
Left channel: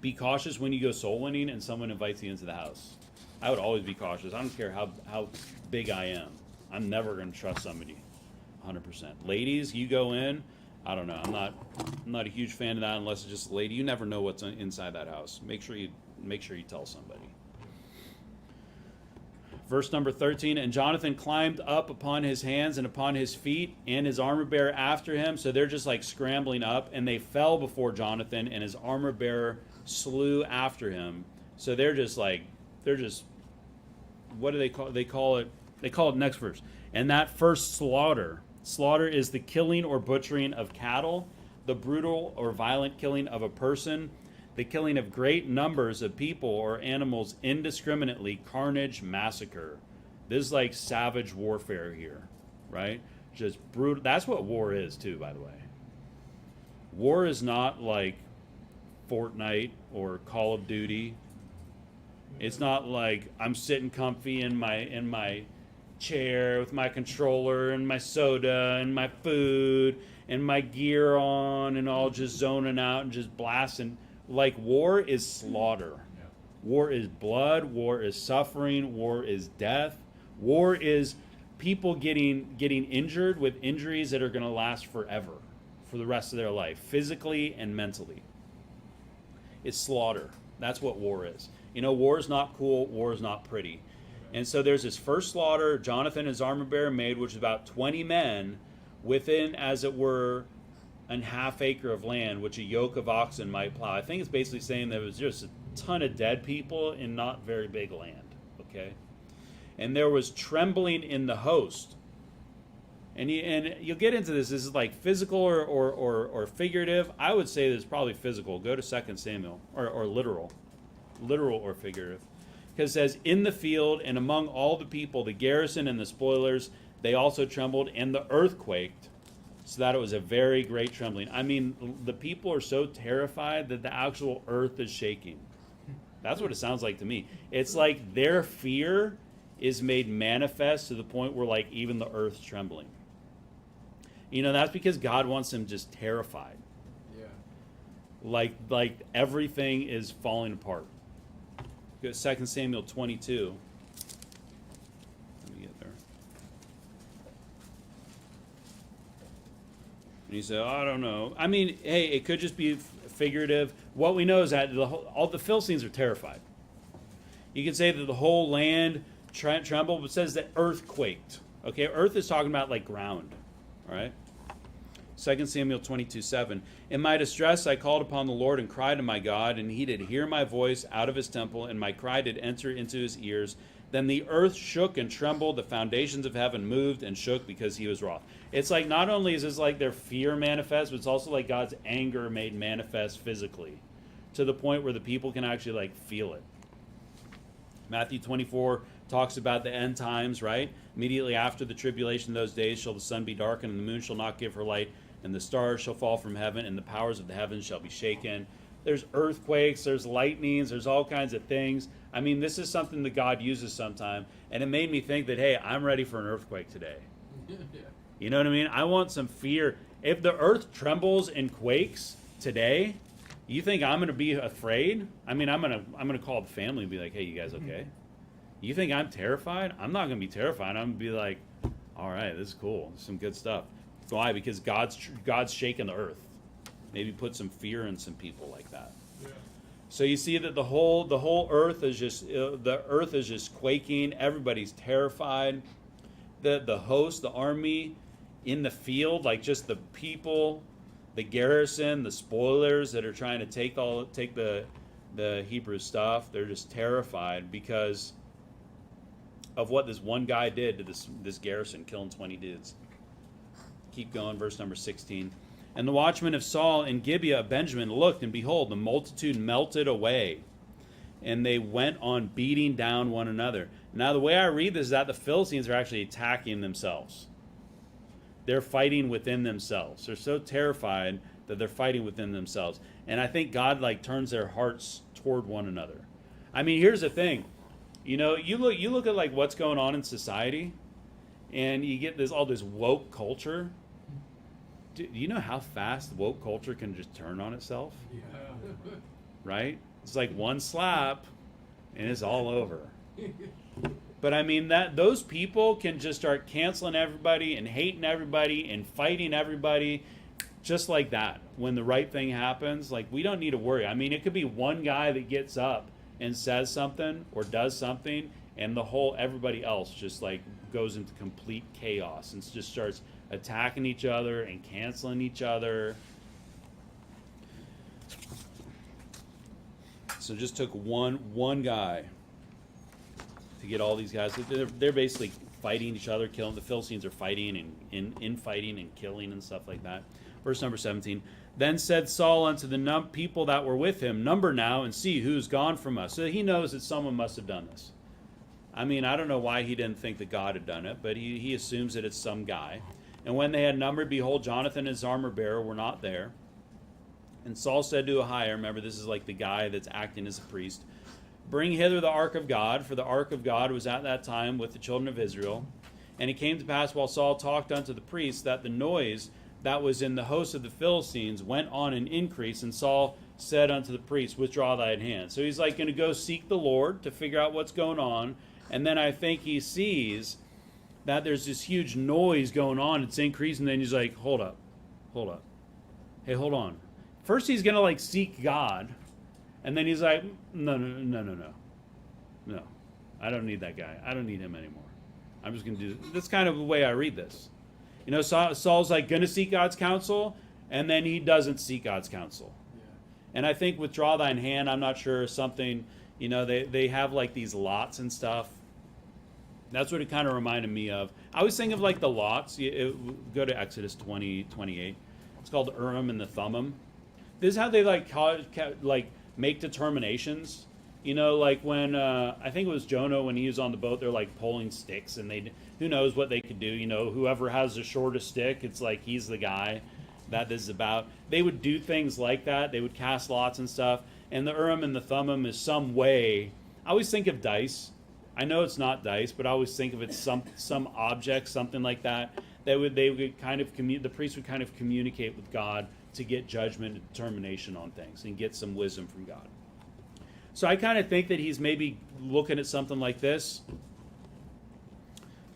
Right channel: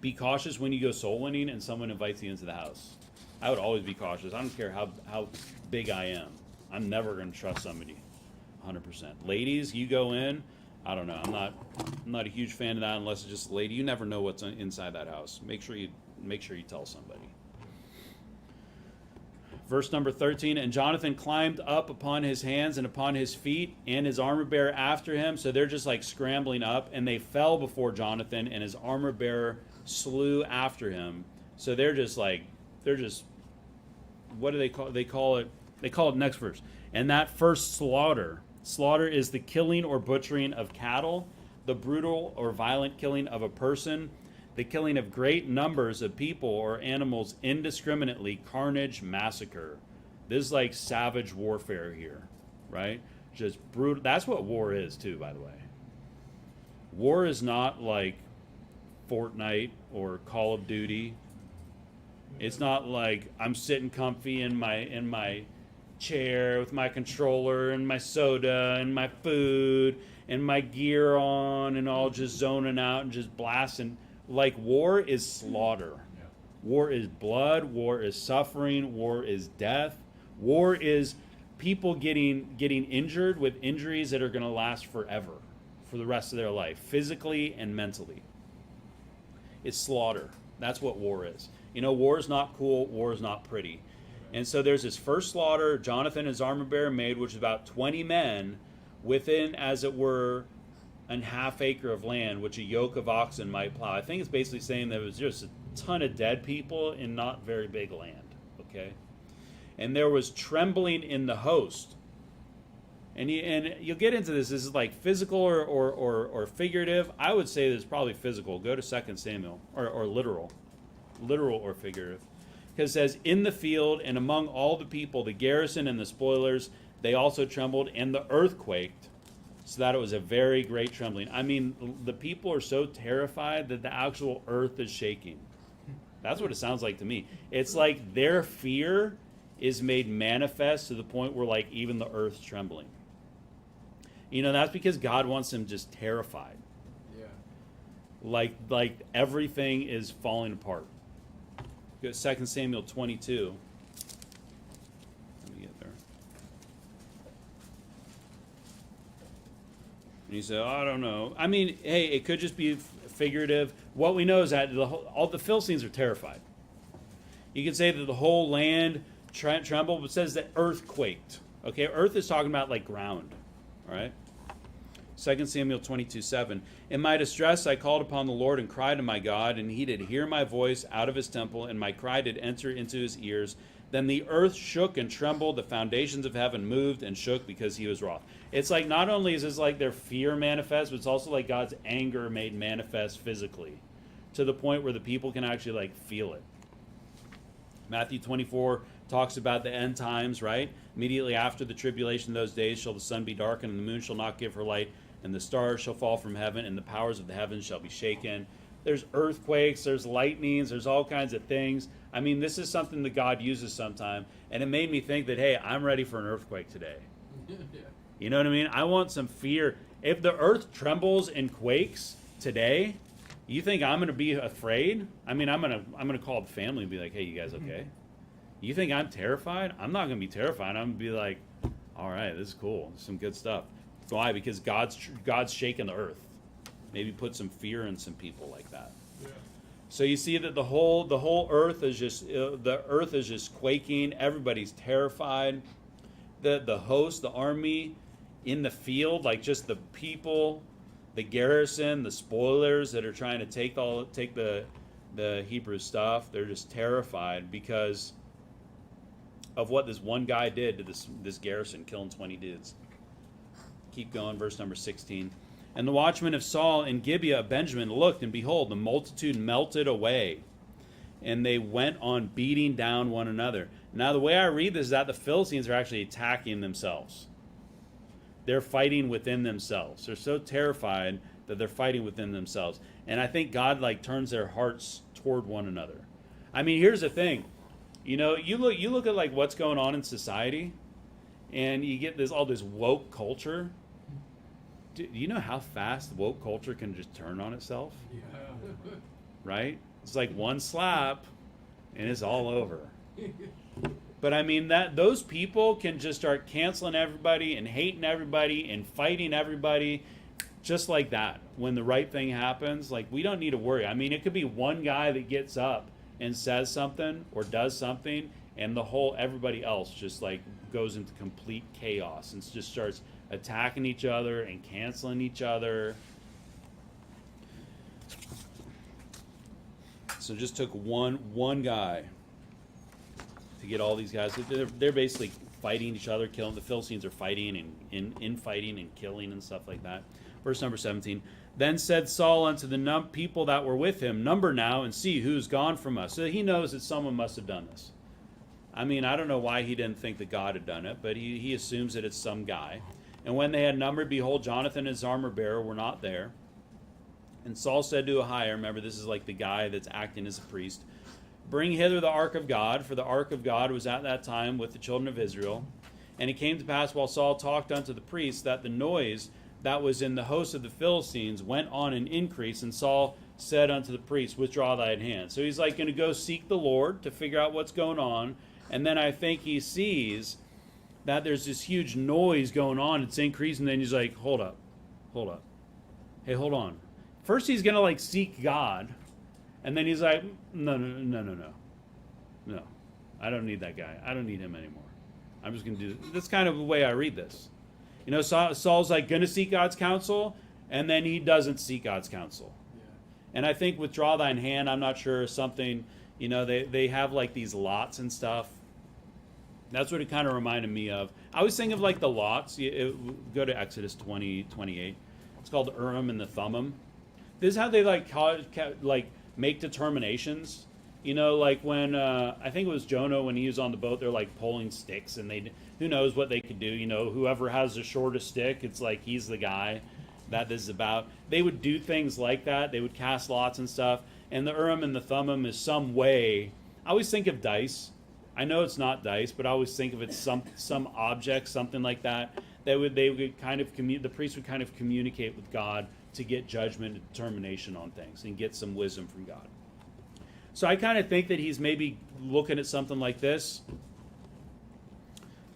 be cautious when you go soul winning and someone invites you into the house. I would always be cautious. I don't care how big I am. I'm never going to trust somebody 100%. Ladies, you go in, I don't know. I'm not a huge fan of that unless it's just a lady. You never know what's inside that house. Make sure you tell somebody. Verse number 13, and Jonathan climbed up upon his hands and upon his feet, and his armor bearer after him. So they're just like scrambling up, and they fell before Jonathan, and his armor bearer slew after him. So they're just, what do they call it? They call it next verse. And that first slaughter is the killing or butchering of cattle, the brutal or violent killing of a person, the killing of great numbers of people or animals indiscriminately, carnage, massacre. This is like savage warfare here, right? Just brutal. That's what war is too, by the way. War is not like Fortnite or Call of Duty. It's not like I'm sitting comfy in my chair with my controller and my soda and my food and my gear on and all just zoning out and just blasting. Like, war is slaughter. Yeah. War is blood. War is suffering. War is death. War is people getting injured with injuries that are going to last forever, for the rest of their life, physically and mentally. It's slaughter. That's what war is. You know, war is not cool. War is not pretty. And so there's this first slaughter Jonathan and his armor bearer made, which is about 20 men within, as it were, an half acre of land, which a yoke of oxen might plow. I think it's basically saying there was just a ton of dead people in not very big land, okay? And there was trembling in the host. And you'll get into this. This is like physical or figurative. I would say this is probably physical. Go to 2 Samuel, or literal. Literal or figurative. Because it says, in the field and among all the people, the garrison and the spoilers, they also trembled, and the earth quaked, so that it was a very great trembling. I mean, the people are so terrified that the actual earth is shaking. That's what it sounds like to me. It's like their fear is made manifest to the point where, like, even the earth's trembling. You know, that's because God wants them just terrified. Yeah. Like everything is falling apart. Go to 2 Samuel 22. Let me get there. And he said, I don't know. I mean, hey, it could just be figurative. What we know is that all the Philistines are terrified. You can say that the whole land trembled, but it says that earth quaked. Okay, earth is talking about like ground. All right? 2 Samuel 22:7. In my distress I called upon the Lord and cried to my God, and he did hear my voice out of his temple, and my cry did enter into his ears. Then the earth shook and trembled, the foundations of heaven moved and shook because he was wroth. It's like not only is this like their fear manifest, but it's also like God's anger made manifest physically, to the point where the people can actually like feel it. Matthew 24 talks about the end times, right? Immediately after the tribulation of those days shall the sun be darkened, and the moon shall not give her light, and the stars shall fall from heaven, and the powers of the heavens shall be shaken. There's earthquakes, there's lightnings, there's all kinds of things. I mean, this is something that God uses sometime, and it made me think that, hey, I'm ready for an earthquake today. You know what I mean? I want some fear. If the earth trembles and quakes today, you think I'm going to be afraid? I mean, I'm going to call the family and be like, hey, you guys okay? You think I'm terrified? I'm not going to be terrified. I'm going to be like, all right, this is cool. Some good stuff. Why? Because God's shaking the earth. Maybe put some fear in some people like that. Yeah. So you see that the whole earth is just quaking. Everybody's terrified. The host, the army in the field, like just the people, the garrison, the spoilers that are trying to take the Hebrew stuff, they're just terrified because of what this one guy did to this garrison, killing 20 dudes. Keep going, verse number 16. And the watchmen of Saul in Gibeah of Benjamin looked, and behold, the multitude melted away, and they went on beating down one another. Now, the way I read this is that the Philistines are actually attacking themselves. They're fighting within themselves. They're so terrified that they're fighting within themselves. And I think God turns their hearts toward one another. I mean, here's the thing. You know, you look at like what's going on in society, and you get all this woke culture. do you know how fast woke culture can just turn on itself? Yeah. Right? It's like one slap and it's all over. But I mean, that those people can just start canceling everybody and hating everybody and fighting everybody just like that. When the right thing happens, like, we don't need to worry. I mean, it could be one guy that gets up and says something or does something, and everybody else just like goes into complete chaos and just starts attacking each other and canceling each other. So it just took one guy to get all these guys. They're basically fighting each other, killing. The Philistines are fighting and infighting and killing and stuff like that. Verse number 17. Then said Saul unto the people that were with him, number now and see who's gone from us. So he knows that someone must have done this. I mean, I don't know why he didn't think that God had done it, but he assumes that it's some guy. And when they had numbered, behold, Jonathan and his armor bearer were not there. And Saul said to Ahiah, remember, this is like the guy that's acting as a priest, bring hither the ark of God, for the ark of God was at that time with the children of Israel. And it came to pass while Saul talked unto the priests that the noise that was in the host of the Philistines went on an increase. And Saul said unto the priest, withdraw thine hand. So he's like going to go seek the Lord to figure out what's going on. And then I think he sees that there's this huge noise going on. It's increasing. And then he's like, hold up. Hey, hold on. First he's going to like seek God. And then he's like, no. I don't need that guy. I don't need him anymore. I'm just going to do this. That's kind of the way I read this. You know, Saul's like going to seek God's counsel, and then he doesn't seek God's counsel. Yeah. And I think withdraw thine hand, I'm not sure, something, you know, they have like these lots and stuff. That's what it kind of reminded me of. I was thinking of like the lots. Go to Exodus 20:28. It's called the Urim and the Thummim. This is how they make determinations. You know, like when I think it was Jonah, when he was on the boat, they're like pulling sticks, and who knows what they could do. You know, whoever has the shortest stick, it's like he's the guy that this is about. They would do things like that. They would cast lots and stuff. And the Urim and the Thummim is some way. I always think of dice. I know it's not dice, but I always think of it some object, something like that. The priest would kind of communicate with God to get judgment and determination on things and get some wisdom from God. So I kind of think that he's maybe looking at something like this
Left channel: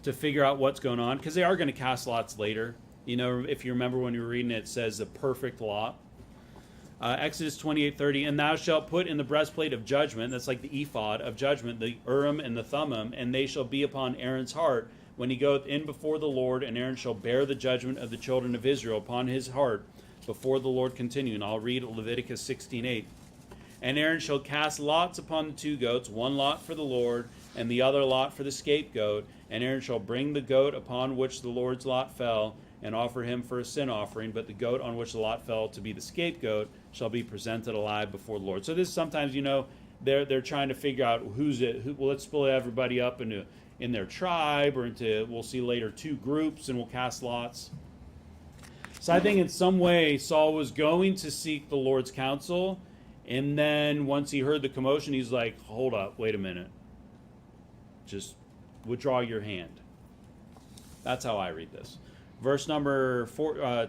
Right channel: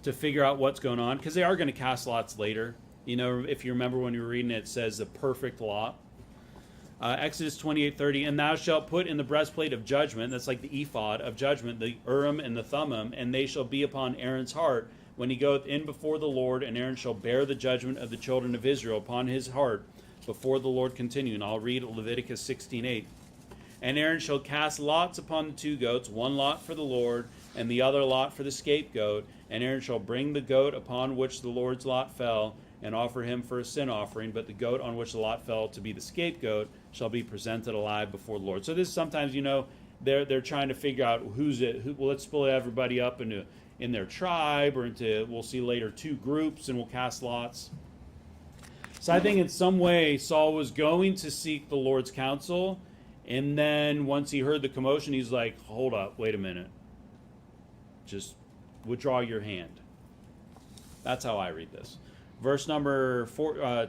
to figure out what's going on, because they are going to cast lots later. You know, if you remember when you were reading it, it says the perfect lot. Exodus 28:30, and thou shalt put in the breastplate of judgment, that's like the ephod of judgment, the Urim and the Thummim, and they shall be upon Aaron's heart when he goeth in before the Lord, and Aaron shall bear the judgment of the children of Israel upon his heart before the Lord continue. And I'll read Leviticus 16:8. And Aaron shall cast lots upon the two goats, one lot for the Lord, and the other lot for the scapegoat. And Aaron shall bring the goat upon which the Lord's lot fell, and offer him for a sin offering. But the goat on which the lot fell to be the scapegoat shall be presented alive before the Lord. So this sometimes, you know, they're trying to figure out well, let's split everybody up in their tribe, or into, we'll see later, two groups, and we'll cast lots. So I think in some way Saul was going to seek the Lord's counsel. And then once he heard the commotion, he's like, hold up, wait a minute. Just withdraw your hand. That's how I read this. Verse number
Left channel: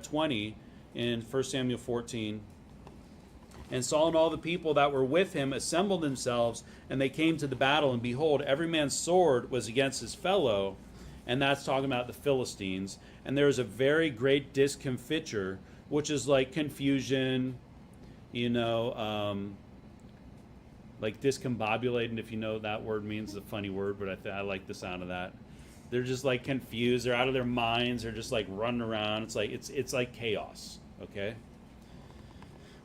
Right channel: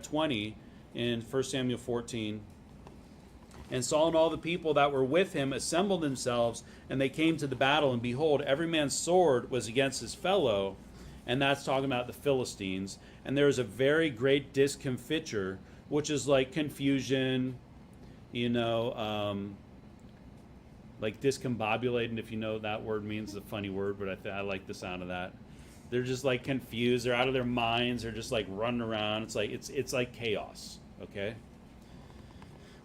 20 in 1 Samuel 14. And Saul and all the people that were with him assembled themselves, and they came to the battle. And behold, every man's sword was against his fellow. And that's talking about the Philistines. And there was a very great discomfiture, which is like confusion, you know, like discombobulated, if you know that word means, a funny word, but I like the sound of that. They're just like confused. They're out of their minds. They're just like running around. It's like chaos. Okay.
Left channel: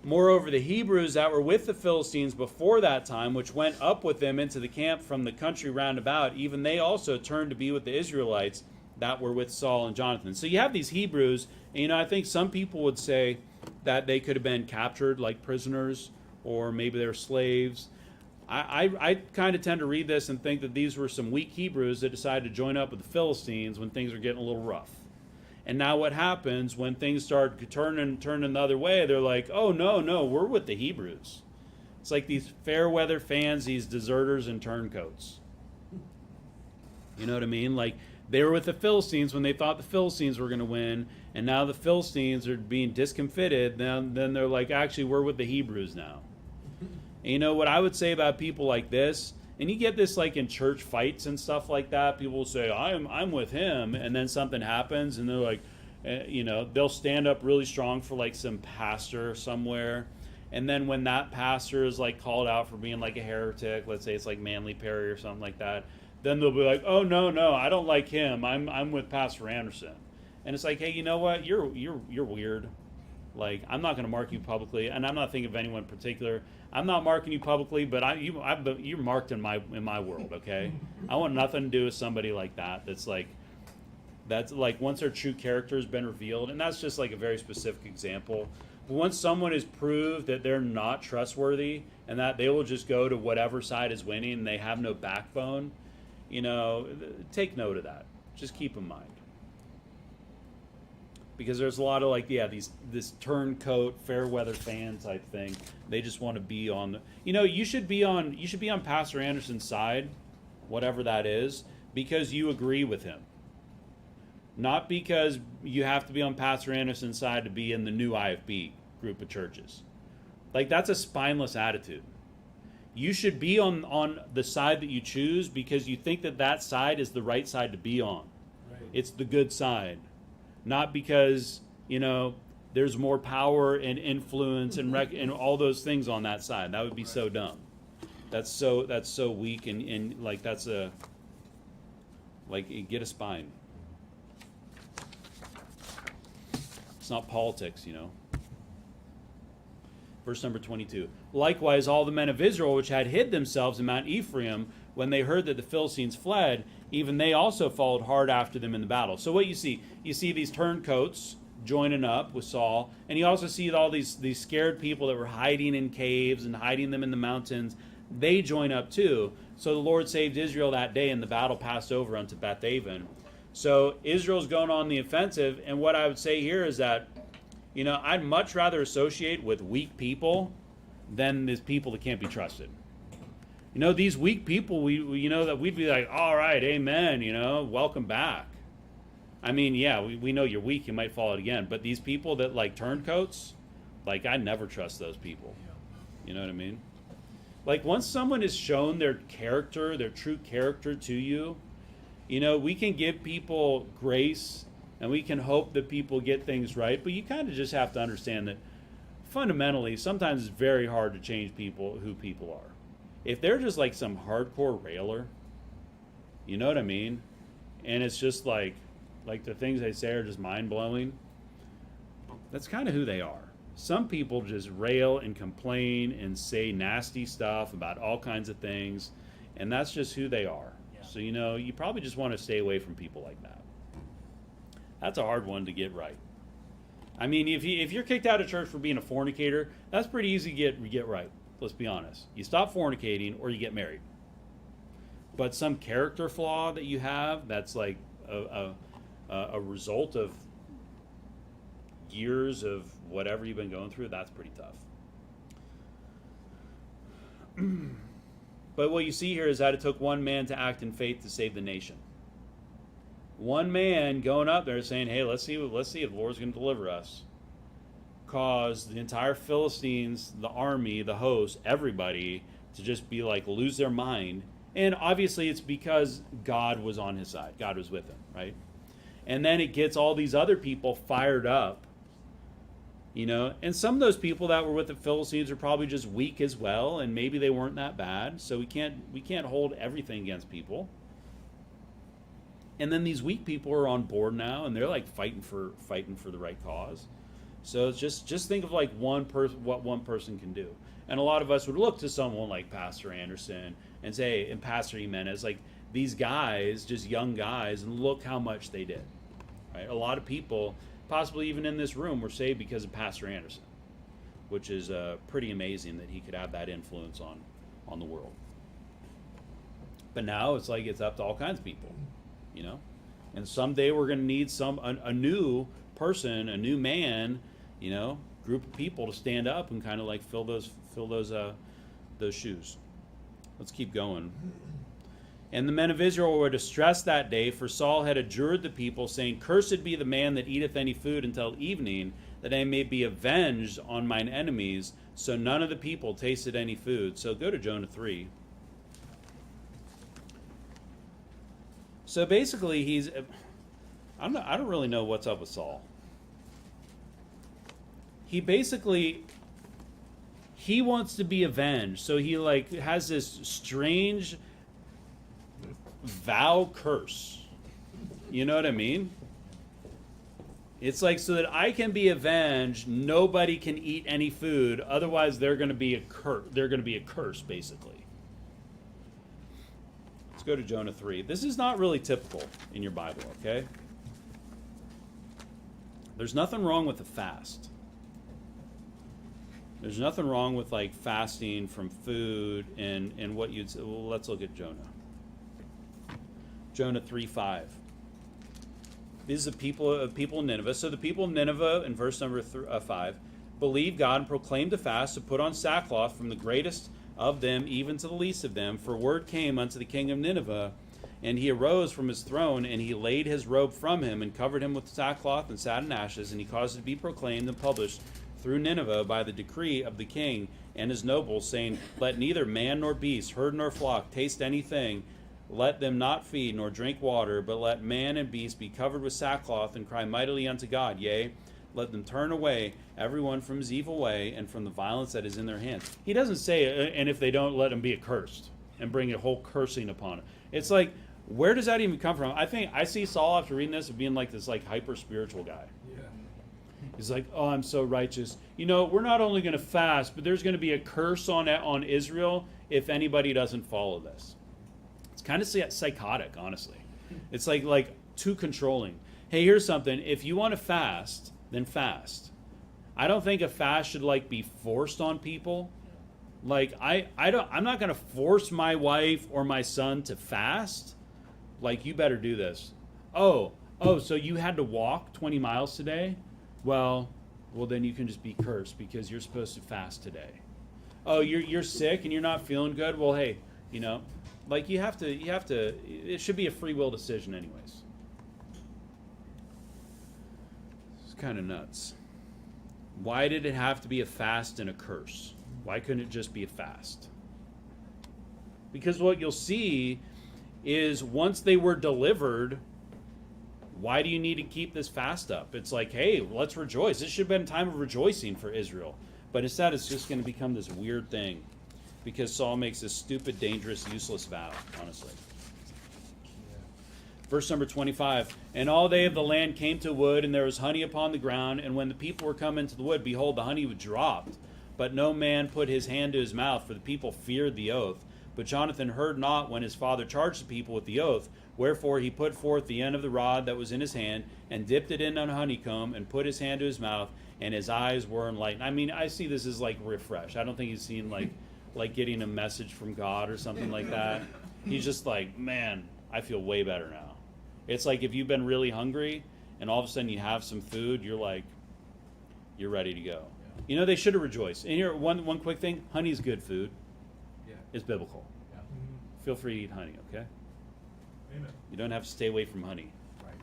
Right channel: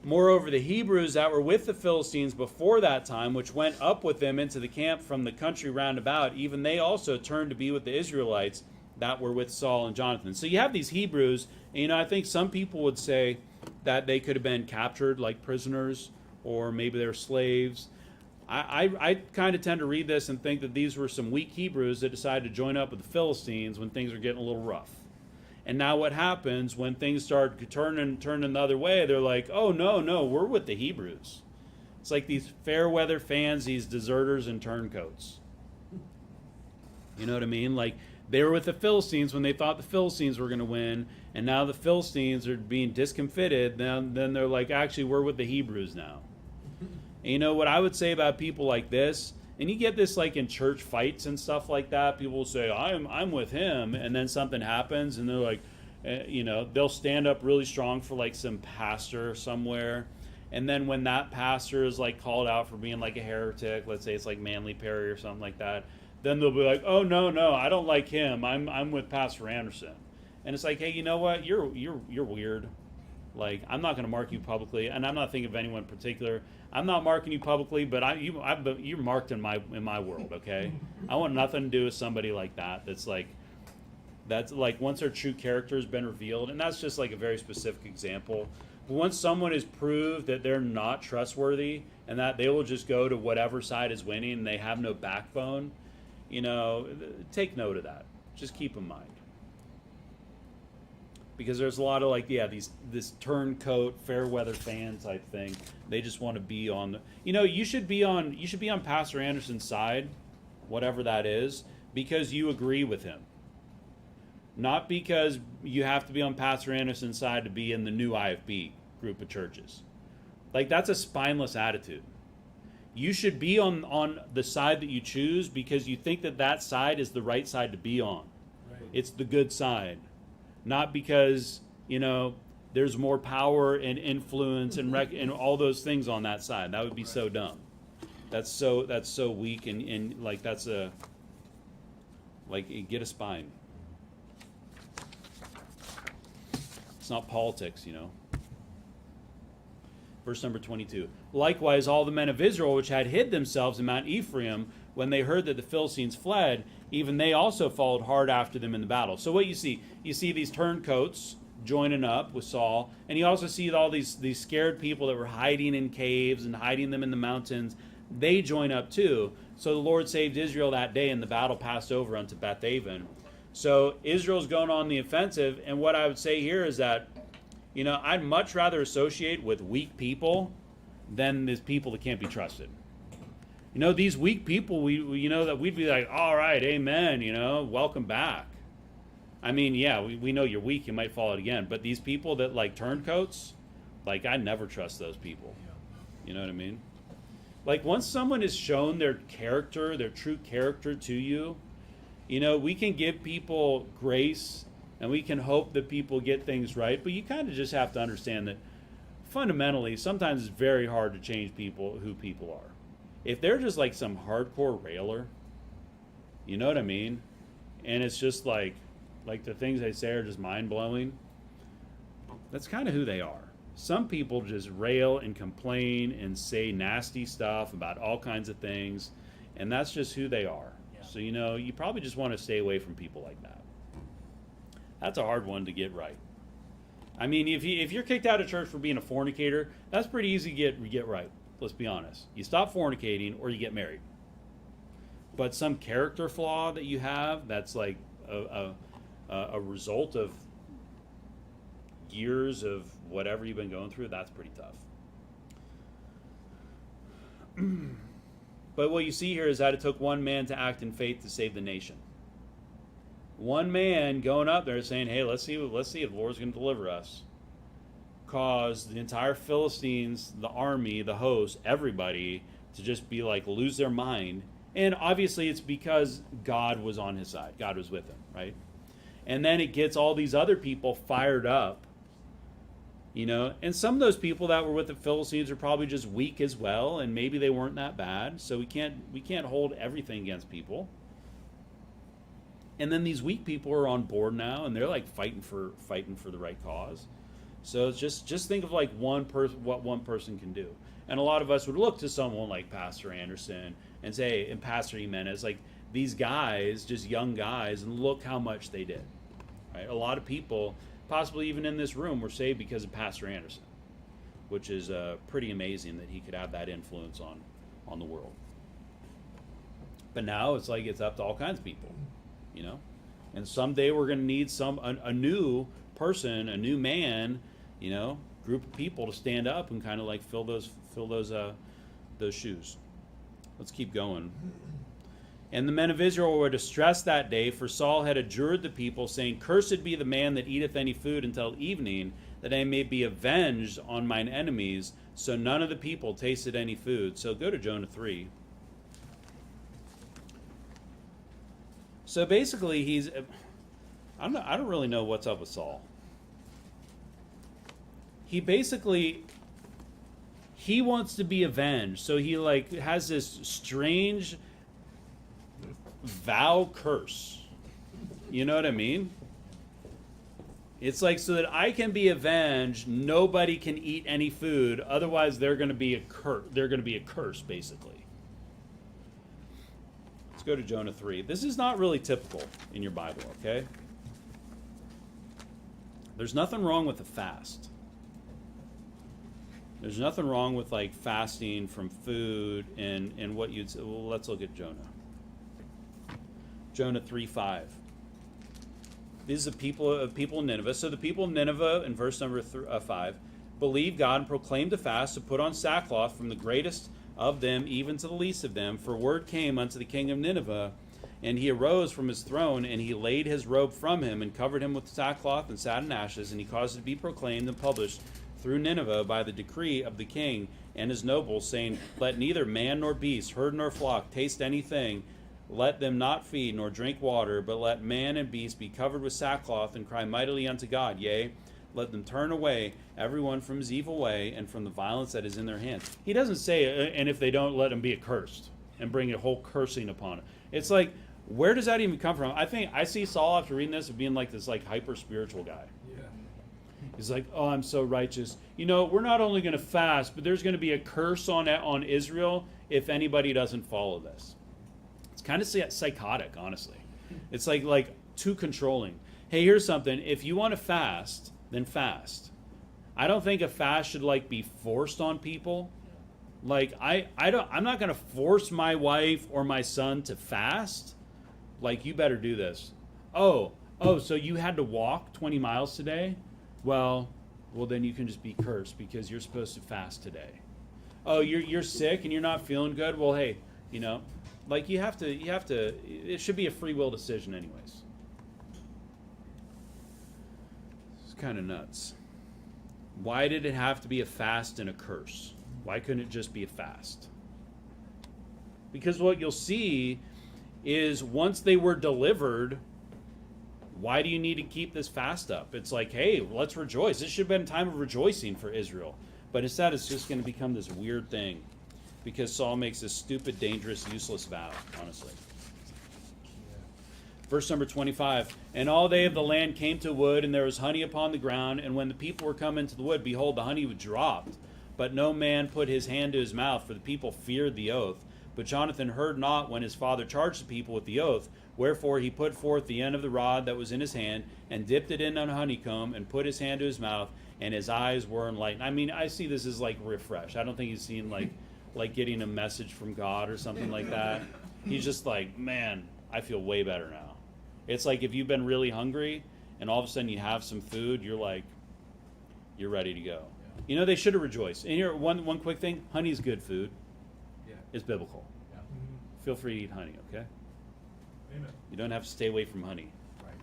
Moreover, the Hebrews that were with the Philistines before that time, which went up with them into the camp from the country round about, even they also turned to be with the Israelites that were with Saul and Jonathan. So you have these Hebrews, and, you know, I think some people would say that they could have been captured like prisoners, or maybe they're slaves. I kind of tend to read this and think that these were some weak Hebrews that decided to join up with the Philistines when things were getting a little rough. And now what happens when things start turning the other way? They're like, oh, no, we're with the Hebrews. It's like these fair weather fans, these deserters and turncoats. You know what I mean? Like, they were with the Philistines when they thought the Philistines were going to win. And now the Philistines are being discomfited. Then they're like, actually, we're with the Hebrews now. And you know what I would say about people like this, and you get this like in church fights and stuff like that. People will say, I'm with him, and then something happens, and they're like, they'll stand up really strong for like some pastor somewhere, and then when that pastor is like called out for being like a heretic, let's say it's like Manly Perry or something like that, then they'll be like, oh no, I don't like him. I'm with Pastor Anderson. And it's like, hey, you know what? You're weird. Like, I'm not going to mark you publicly, and I'm not thinking of anyone in particular. I'm not marking you publicly, but you're marked in my world, okay? I want nothing to do with somebody like that. That's like once their true character has been revealed, and that's just like a very specific example. But once someone is proved that they're not trustworthy and that they will just go to whatever side is winning and they have no backbone, take note of that. Just keep in mind. Because there's a lot of this turncoat fair weather fan type thing. They just want to be on you should be on Pastor Anderson's side, whatever that is, because you agree with him. Not because you have to be on Pastor Anderson's side to be in the new IFB group of churches. Like, that's a spineless attitude. You should be on the side that you choose because you think that side is the right side to be on. Right. It's the good side. Not because, there's more power and influence and all those things on that side. That would be so dumb. That's so weak and like get a spine. It's not politics, Verse number 22. Likewise, all the men of Israel which had hid themselves in Mount Ephraim, when they heard that the Philistines fled, even they also followed hard after them in the battle. So what you see these turncoats joining up with Saul, and you also see all these scared people that were hiding in caves and hiding them in the mountains. They join up too. So the Lord saved Israel that day, and the battle passed over unto Bethaven. So Israel's going on the offensive, and what I would say here is that, I'd much rather associate with weak people than these people that can't be trusted. These weak people, we that we'd be like, all right, amen, welcome back. I mean, yeah, we know you're weak, you might fall out again. But these people that like turncoats, like, I never trust those people. You know what I mean? Like, once someone has shown their character, their true character to you, we can give people grace and we can hope that people get things right. But you kind of just have to understand that fundamentally, sometimes it's very hard to change who people are. If they're just like some hardcore railer, you know what I mean? And it's just like the things they say are just mind-blowing, that's kind of who they are. Some people just rail and complain and say nasty stuff about all kinds of things, and that's just who they are. Yeah. So, you probably just want to stay away from people like that. That's a hard one to get right. I mean, if you're kicked out of church for being a fornicator, that's pretty easy to get right. Let's be honest. You stop fornicating or you get married. But some character flaw that you have that's like a result of years of whatever you've been going through, that's pretty tough. But what you see here is that it took one man to act in faith to save the nation. One man going up there saying, hey, let's see if the Lord's going to deliver us. Caused the entire Philistines, the army, the host, everybody to just be like, lose their mind. And obviously it's because God was on his side. God was with him, right? And then it gets all these other people fired up, and some of those people that were with the Philistines are probably just weak as well, and maybe they weren't that bad. So we can't hold everything against people. And then these weak people are on board now, and they're like fighting for the right cause. So it's just think of like what one person can do. And a lot of us would look to someone like Pastor Anderson and say, and Pastor Jimenez, like these guys, just young guys, and look how much they did. Right? A lot of people, possibly even in this room, were saved because of Pastor Anderson, which is pretty amazing that he could have that influence on the world. But now it's like it's up to all kinds of people, And someday we're going to need a new person, a new man, group of people to stand up and kind of like fill those shoes. Let's keep going. And the men of Israel were distressed that day, for Saul had adjured the people, saying, Cursed be the man that eateth any food until evening, that I may be avenged on mine enemies. So none of the people tasted any food. So go to Jonah 3. So basically, I don't really know what's up with Saul. He wants to be avenged. So he has this strange vow curse. You know what I mean? It's like, so that I can be avenged, nobody can eat any food, otherwise they're going to be a curse, basically. Let's go to Jonah 3. This is not really typical in your Bible, okay? There's nothing wrong with a fast. There's nothing wrong with fasting from food and what you'd say. Well, let's look at Jonah. Jonah 3:5. These are the people of Nineveh. So the people of Nineveh, in verse number 5, believed God and proclaimed a fast to put on sackcloth from the greatest of them even to the least of them. For word came unto the king of Nineveh, and he arose from his throne, and he laid his robe from him, and covered him with sackcloth and sat in ashes, and he caused it to be proclaimed and published through Nineveh by the decree of the king and his nobles, saying, Let neither man nor beast, herd nor flock, taste anything. Let them not feed nor drink water, but let man and beast be covered with sackcloth, and cry mightily unto God. Yea, let them turn away everyone from his evil way and from the violence that is in their hands. He doesn't say, and if they don't, let them be accursed and bring a whole cursing upon it. It's like, where does that even come from? I see Saul, after reading this, of being this hyper spiritual guy. Yeah. He's like, oh, I'm so righteous. We're not only going to fast, but there's going to be a curse on Israel if anybody doesn't follow this. It's kind of psychotic, honestly. It's like too controlling. Hey, here's something. If you want to fast, then fast. I don't think a fast should be forced on people. I'm not going to force my wife or my son to fast. You better do this. Oh, so you had to walk 20 miles today? Well, then you can just be cursed because you're supposed to fast today. Oh, you're sick and you're not feeling good? Well, hey, you have to, it should be a free will decision anyways. It's kind of nuts. Why did it have to be a fast and a curse? Why couldn't it just be a fast? Because what you'll see is once they were delivered, why do you need to keep this fast up? It's hey, let's rejoice. This should have been a time of rejoicing for Israel. But instead, it's just going to become this weird thing because Saul makes this stupid, dangerous, useless vow, honestly. Verse number 25, And all they of the land came to wood, and there was honey upon the ground. And when the people were come into the wood, behold, the honey was dropped. But no man put his hand to his mouth, for the people feared the oath. But Jonathan heard not when his father charged the people with the oath. Wherefore he put forth the end of the rod that was in his hand, and dipped it in a honeycomb, and put his hand to his mouth, and his eyes were enlightened. I see this as refresh. I don't think he's seen like getting a message from God or something like that. He's just man, I feel way better now. It's if you've been really hungry, and all of a sudden you have some food, you're ready to go. Yeah. They should have rejoiced. And here, one quick thing, honey's good food. Yeah. It's biblical. Yeah. Mm-hmm. Feel free to eat honey, okay? Amen. You don't have to stay away from honey. Right.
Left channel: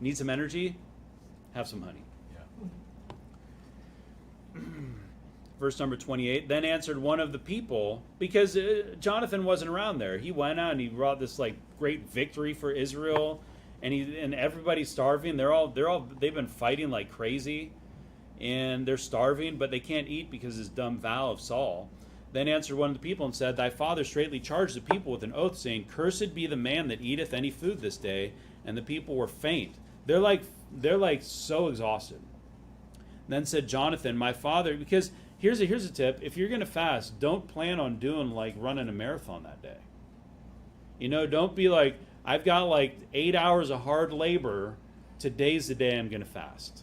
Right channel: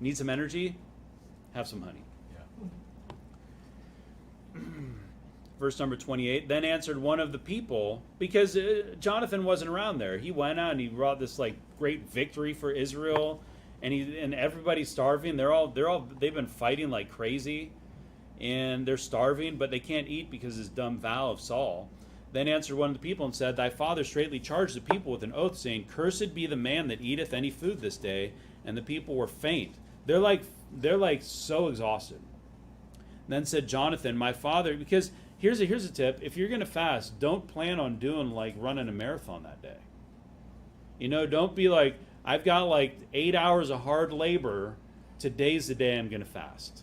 Need some energy? Have some honey. Yeah. Verse number 28, Then answered one of the people, because Jonathan wasn't around there. He went out and he brought this great victory for Israel, and everybody's starving. They've been fighting like crazy, and they're starving, but they can't eat because of this dumb vow of Saul. Then answered one of the people and said, Thy father straitly charged the people with an oath, saying, Cursed be the man that eateth any food this day. And the people were faint. They're so exhausted. Then said Jonathan, My father, because here's a tip. If you're going to fast, don't plan on doing running a marathon that day. Don't be I've got 8 hours of hard labor. Today's the day I'm going to fast.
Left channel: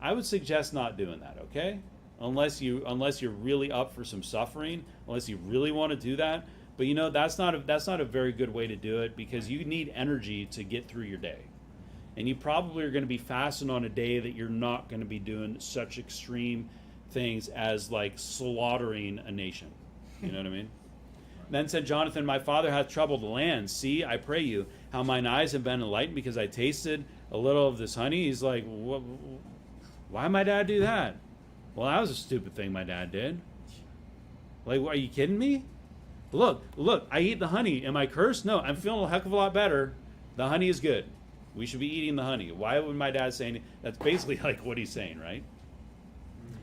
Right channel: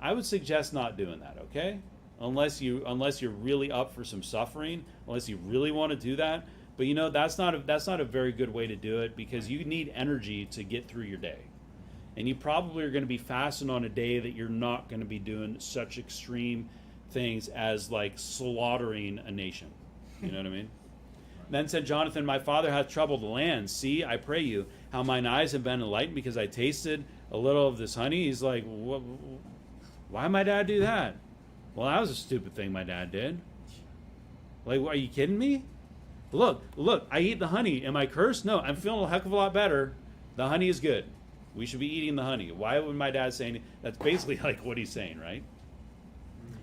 I would suggest not doing that, okay? Unless you're really up for some suffering, unless you really want to do that. But that's not a very good way to do it, because you need energy to get through your day. And you probably are going to be fasting on a day that you're not going to be doing such extreme things as slaughtering a nation. You know what I mean? Then said Jonathan, my father hath troubled the land. See, I pray you, how mine eyes have been enlightened because I tasted a little of this honey. He's like, why my dad do that? Well, that was a stupid thing my dad did. Like, are you kidding me? Look, I eat the honey. Am I cursed? No, I'm feeling a heck of a lot better. The honey is good. We should be eating the honey. Why would my dad say anything? That's basically like what he's saying, right?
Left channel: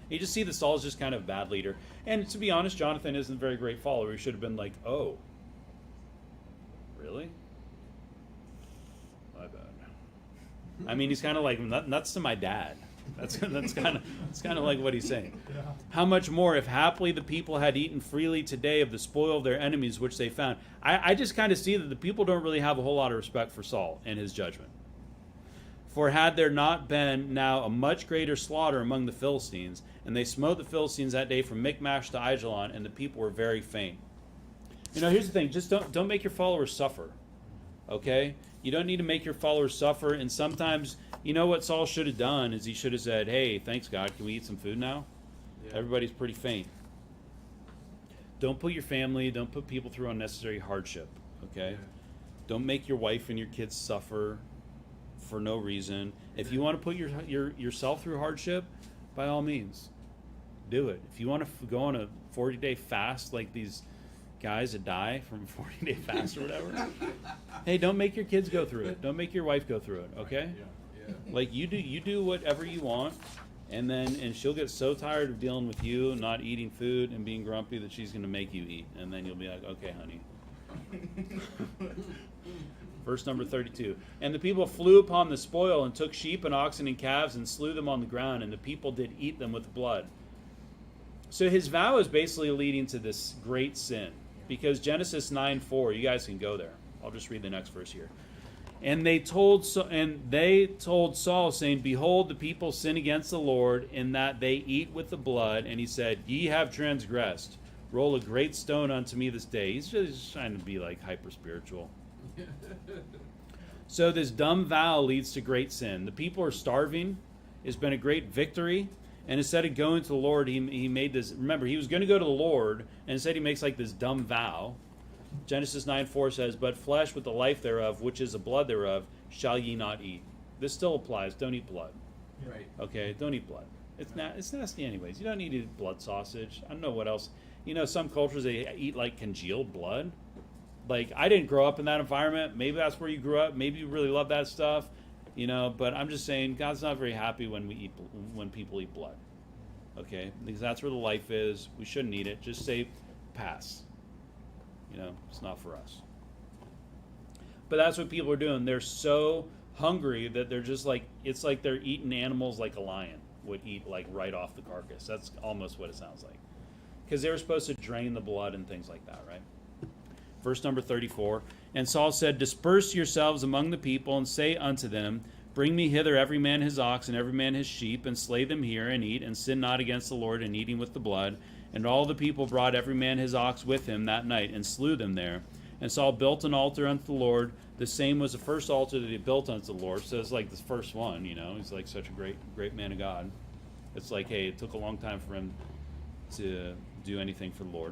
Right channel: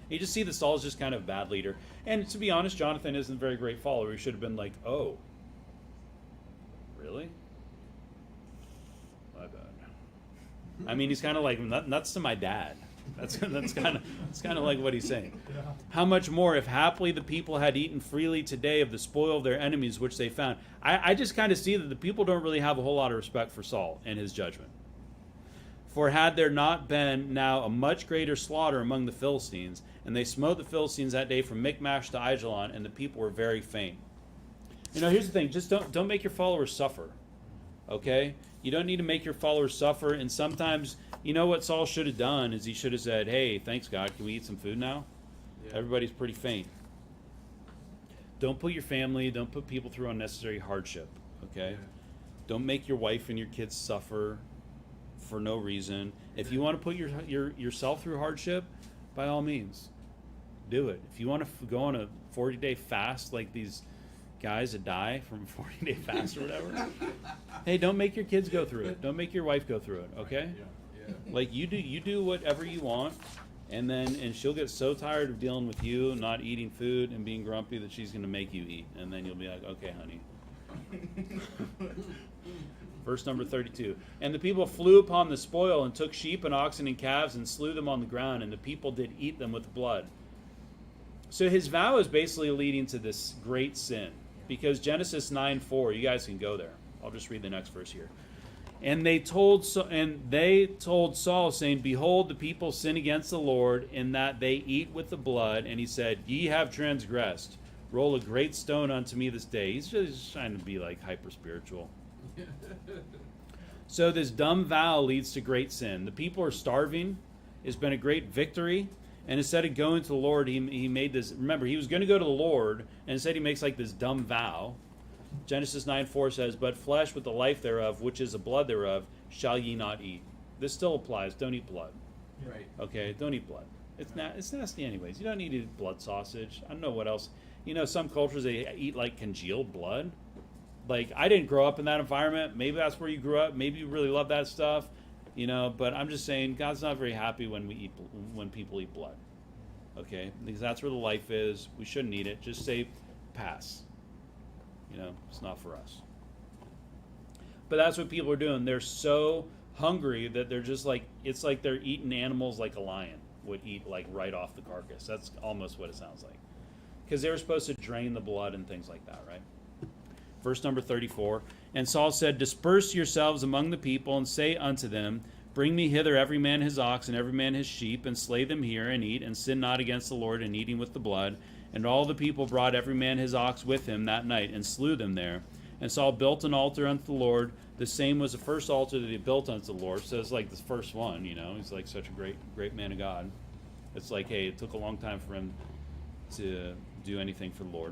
You just see that Saul's just kind of a bad leader. And to be honest, Jonathan isn't a very great follower. He should have been like, oh, really? My bad. I mean, he's kind of like nuts to my dad. That's kind of like what he's saying. Yeah. How much more if haply the people had eaten freely today of the spoil of their enemies which they found. I just kind of see that the people don't really have a whole lot of respect for Saul and his judgment. For had there not been now a much greater slaughter among the Philistines, and they smote the Philistines that day from Michmash to Aijalon, and the people were very faint. You know, here's the thing: just don't make your followers suffer. Okay? You don't need to make your followers suffer. And sometimes, you know what Saul should have done is he should have said, "Hey, thanks God, can we eat some food now?" Yeah. Everybody's pretty faint. Don't put your family, don't put people through unnecessary hardship. Okay? Yeah. Don't make your wife and your kids suffer for no reason. If you want to put yourself through hardship, by all means, do it. If you want to go on a 40-day fast like these guys that die from a 40-day fast or whatever, hey, don't make your kids go through it. Don't make your wife go through it, okay? Yeah. Like, you do whatever you want, and she'll get so tired of dealing with you and not eating food and being grumpy that she's going to make you eat, and then you'll be like, okay, honey. Verse number 32. And the people flew upon the spoil and took sheep and oxen and calves and slew them on the ground, and the people did eat them with blood. So his vow is basically leading to this great sin, because Genesis 9:4, you guys can go there. I'll just read the next verse here. And they told Saul, saying, Behold, the people sin against the Lord, in that they eat with the blood. And he said, Ye have transgressed. Roll a great stone unto me this day. He's just trying to be like hyper spiritual. So this dumb vow leads to great sin. The people are starving. It's been a great victory. And instead of going to the Lord, he made this. Remember, he was going to go to the Lord, and instead he makes like this dumb vow. Genesis 9:4 says, But flesh with the life thereof, which is the blood thereof, shall ye not eat. This still applies. Don't eat blood. Right. Okay, don't eat blood. It's nasty anyways. You don't need to eat blood sausage. I don't know what else. You know, some cultures, they eat like congealed blood. Like, I didn't grow up in that environment. Maybe that's where you grew up. Maybe you really love that stuff. You know, but I'm just saying, God's not very happy when people eat blood. Okay? Because that's where the life is. We shouldn't eat it. Just say, pass. You know, it's not for us. But that's what people are doing. They're so hungry that they're just like, it's like they're eating animals like a lion would eat, like right off the carcass. That's almost what it sounds like. Because they were supposed to drain the blood and things like that, right? Verse number 34. And Saul said, Disperse yourselves among the people, and say unto them, Bring me hither every man his ox, and every man his sheep, and slay them here, and eat, and sin not against the Lord in eating with the blood. And all the people brought every man his ox with him that night, and slew them there. And Saul built an altar unto the Lord. The same was the first altar that he built unto the Lord. So it's like the first one, you know. He's like such a great man of God. It's like, hey, it took a long time for him to do anything for the Lord.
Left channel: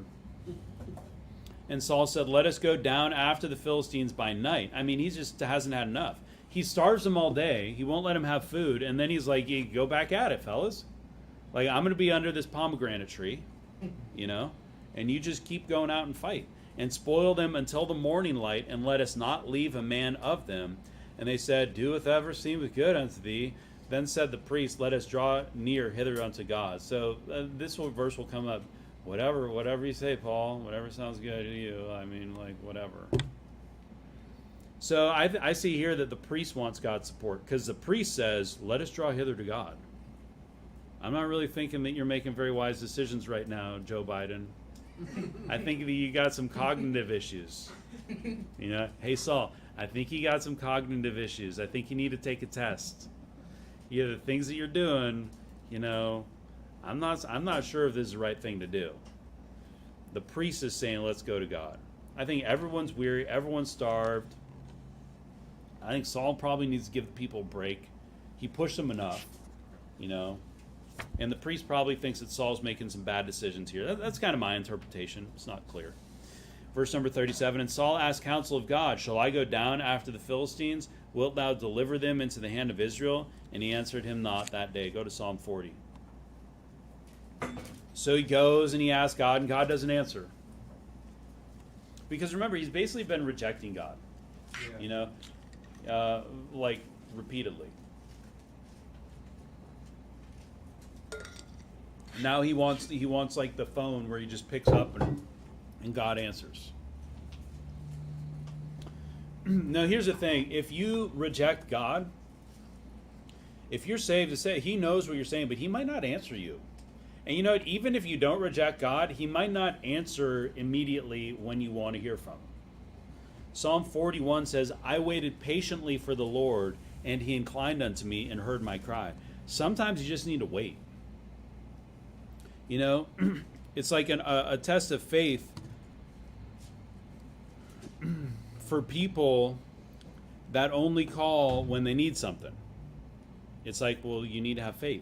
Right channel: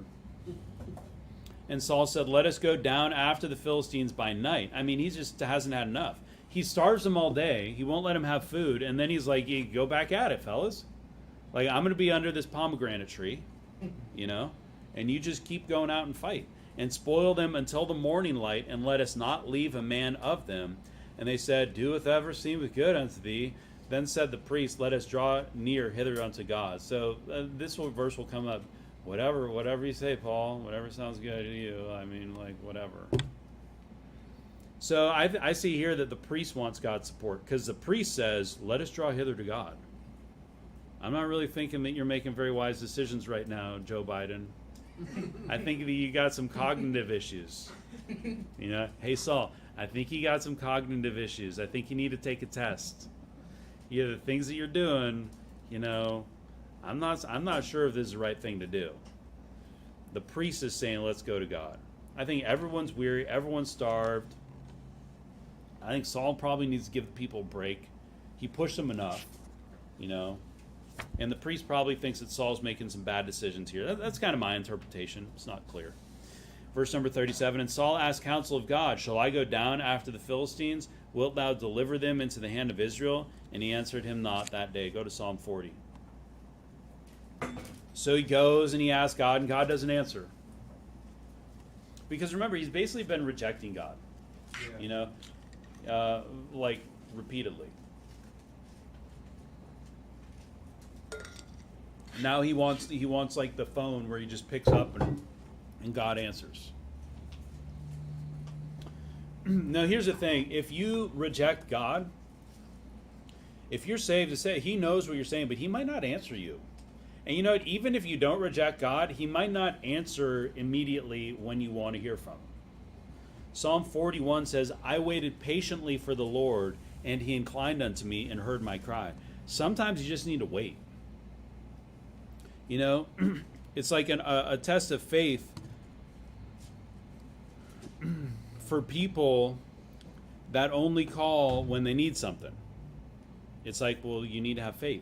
And Saul said, Let us go down after the Philistines by night. I mean, he just hasn't had enough. He starves them all day. He won't let them have food. And then he's like, go back at it, fellas. Like, I'm going to be under this pomegranate tree, you know, and you just keep going out and fight. And spoil them until the morning light, and let us not leave a man of them. And they said, Doeth ever seemeth good unto thee? Then said the priest, Let us draw near hither unto God. So this verse will come up. Whatever you say, Paul. Whatever sounds good to you. I mean, like, whatever. So I see here that the priest wants God's support, because the priest says, Let us draw hither to God. I'm not really thinking that you're making very wise decisions right now, Joe Biden. I think that you got some cognitive issues. You know, hey, Saul, I think you got some cognitive issues. I think you need to take a test. You know, the things that you're doing, you know, I'm not sure if this is the right thing to do. The priest is saying, let's go to God. I think everyone's weary. Everyone's starved. I think Saul probably needs to give the people a break. He pushed them enough, you know. And the priest probably thinks that Saul's making some bad decisions here. That's kind of my interpretation. It's not clear. Verse number 37, and Saul asked counsel of God, shall I go down after the Philistines? Wilt thou deliver them into the hand of Israel? And he answered him not that day. Go to Psalm 40. So he goes and he asks God, and God doesn't answer. Because remember, he's basically been rejecting God. Yeah. Like repeatedly. Now he wants like the phone where he just picks up and God answers. Now here's the thing: if you reject God, if you're saved, to say He knows what you're saying, but He might not answer you. And you know what? Even if you don't reject God, He might not answer immediately when you want to hear from Him. Psalm 41 says, I waited patiently for the Lord, and He inclined unto me and heard my cry. Sometimes you just need to wait. You know, it's like a test of faith for people that only call when they need something. It's like, well, you need to have faith.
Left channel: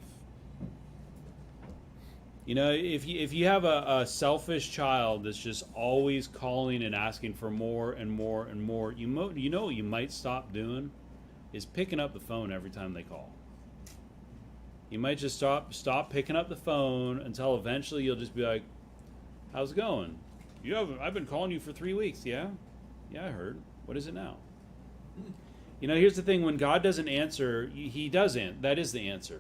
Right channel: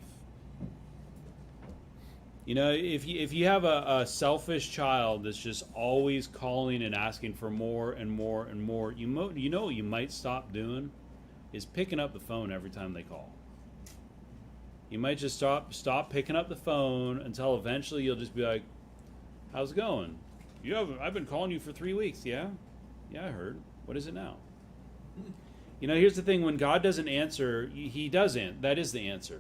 You know, if you have a selfish child that's just always calling and asking for more and more and more, you know what you might stop doing is picking up the phone every time they call. You might just stop picking up the phone until eventually you'll just be like, how's it going? I've been calling you for 3 weeks. Yeah, I heard. What is it now? You know, here's the thing: when God doesn't answer, He doesn't. That is the answer.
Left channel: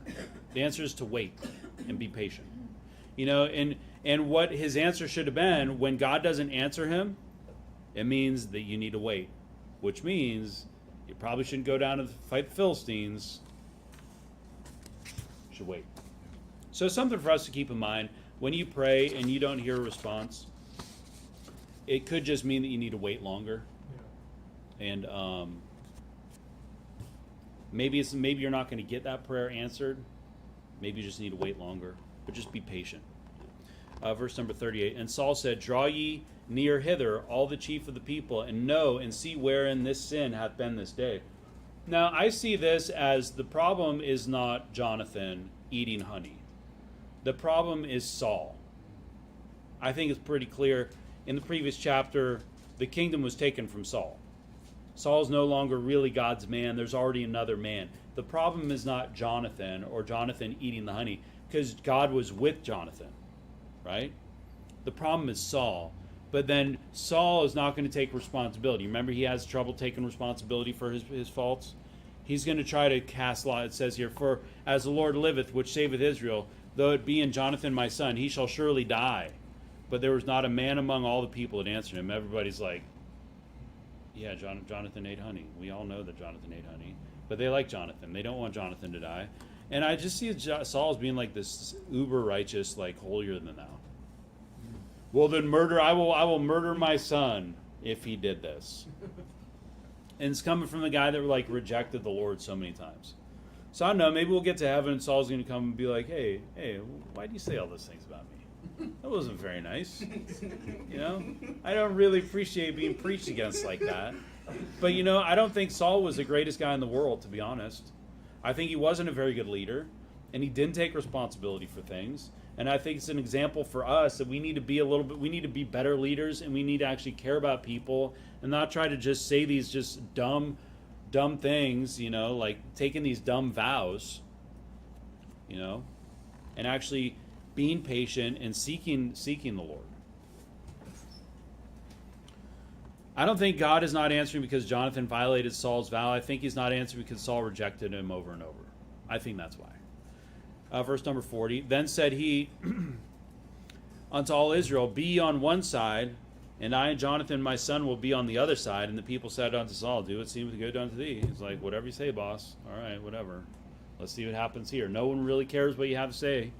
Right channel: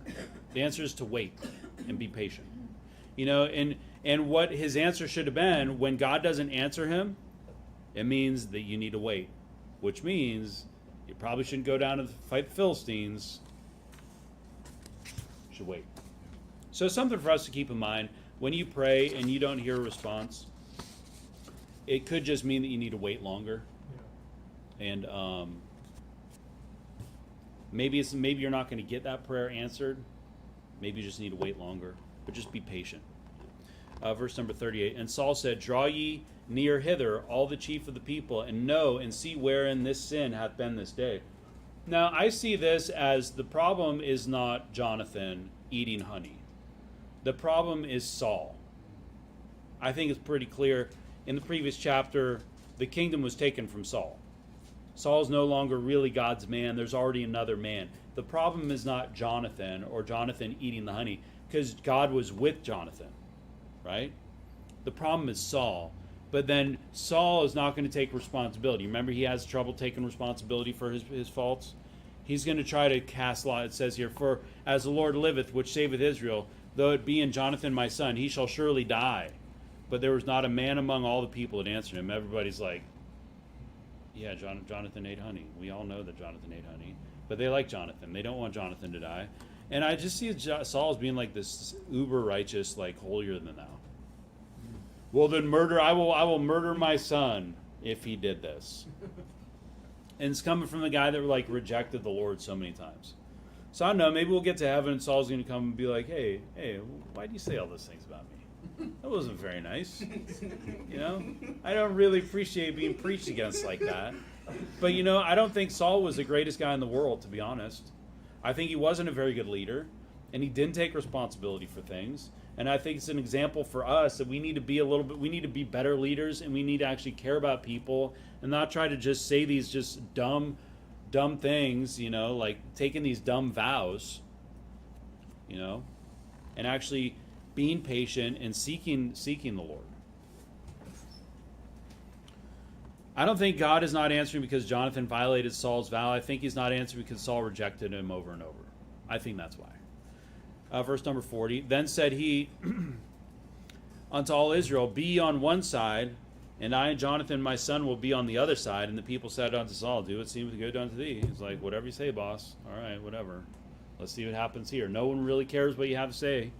The answer is to wait and be patient. You know, and what His answer should have been, when God doesn't answer him, it means that you need to wait, which means you probably shouldn't go down to fight the Philistines. You should wait. So something for us to keep in mind: when you pray and you don't hear a response, it could just mean that you need to wait longer. And maybe you're not going to get that prayer answered. Maybe you just need to wait longer. But just be patient. Verse number 38. And Saul said, draw ye near hither, all the chief of the people, and know and see wherein this sin hath been this day. Now, I see this as the problem is not Jonathan eating honey. The problem is Saul. I think it's pretty clear. In the previous chapter, the kingdom was taken from Saul. Saul's no longer really God's man. There's already another man. The problem is not Jonathan or Jonathan eating the honey, because God was with Jonathan, right? The problem is Saul. But then Saul is not going to take responsibility. Remember, he has trouble taking responsibility for his faults. He's going to try to cast lot. It says here, for as the Lord liveth, which saveth Israel, though it be in Jonathan my son, he shall surely die. But there was not a man among all the people that answered him. Everybody's like, yeah, Jonathan ate honey. We all know that Jonathan ate honey. But they like Jonathan. They don't want Jonathan to die. And I just see Saul as being like this uber righteous, like holier than thou. Well, then I will murder my son if he did this. And it's coming from the guy that like rejected the Lord so many times. So I don't know, maybe we'll get to heaven and Saul's going to come and be like, hey, why do you say all those things about me? That wasn't very nice. You know, I don't really appreciate being preached against like that. But you know, I don't think Saul was the greatest guy in the world, to be honest. I think he wasn't a very good leader, and he didn't take responsibility for things. And I think it's an example for us that we need to be we need to be better leaders, and we need to actually care about people and not try to just say these just dumb things, you know, like taking these dumb vows, you know, and actually being patient and seeking the Lord. I don't think God is not answering because Jonathan violated Saul's vow. I think he's not answering because Saul rejected him over and over. I think that's why. Verse number 40. Then said he unto all Israel, be ye on one side, and I and Jonathan my son will be on the other side. And the people said unto Saul, do what seemeth good unto thee. He's like, whatever you say, boss. All right, whatever. Let's see what happens here. No one really cares what you have to say.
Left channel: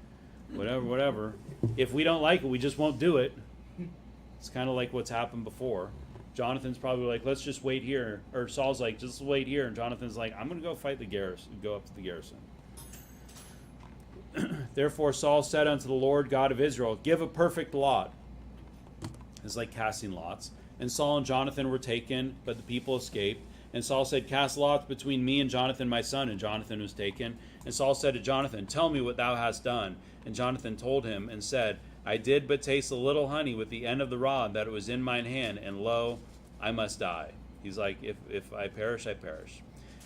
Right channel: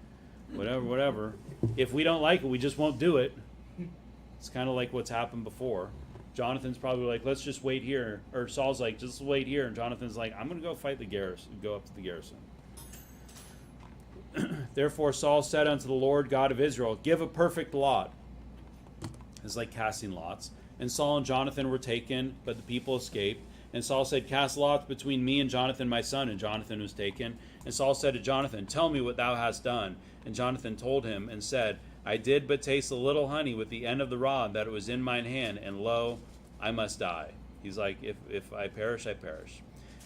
Whatever. If we don't like it, we just won't do it. It's kind of like what's happened before. Jonathan's probably like, let's just wait here. Or Saul's like, just wait here. And Jonathan's like, I'm going to go fight the garrison, go up to the garrison. Therefore Saul said unto the Lord God of Israel, give a perfect lot. It's like casting lots. And Saul and Jonathan were taken, but the people escaped. And Saul said, cast lots between me and Jonathan my son. And Jonathan was taken. And Saul said to Jonathan, tell me what thou hast done. And Jonathan told him and said, I did but taste a little honey with the end of the rod that it was in mine hand, and lo, I must die. He's like, if I perish, I perish.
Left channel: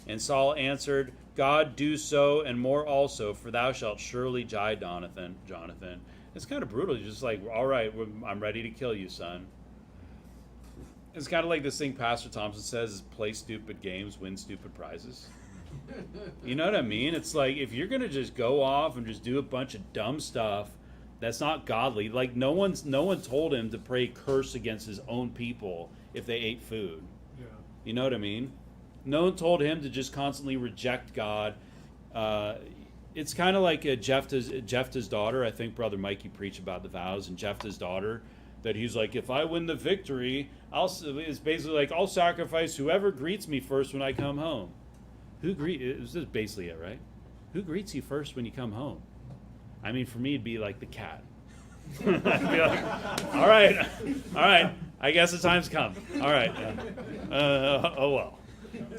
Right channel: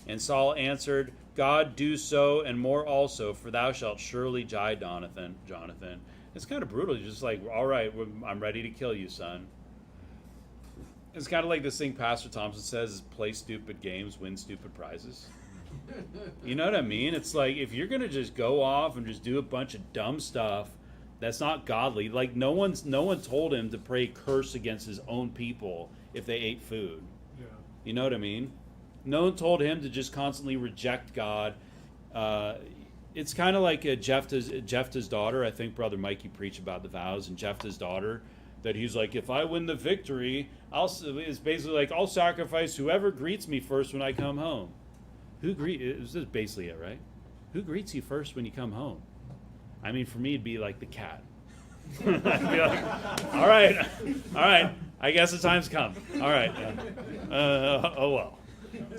And Saul answered, God, do so, and more also, for thou shalt surely die, Jonathan. It's kind of brutal. He's just like, all right, I'm ready to kill you, son. It's kind of like this thing Pastor Thompson says, play stupid games, win stupid prizes. You know what I mean? It's like, if you're going to just go off and just do a bunch of dumb stuff that's not godly, like no one told him to pray curse against his own people if they ate food. Yeah. You know what I mean? No one told him to just constantly reject God. It's kind of like Jephthah's daughter. I think Brother Mikey preached about the vows and Jephthah's daughter, that he's like, if I win the victory, it's basically like, I'll sacrifice whoever greets me first when I come home. This is basically it, right? Who greets you first when you come home? I mean, for me, it'd be like the cat. I'd be like, all right, I guess the time's come. All right. Oh well.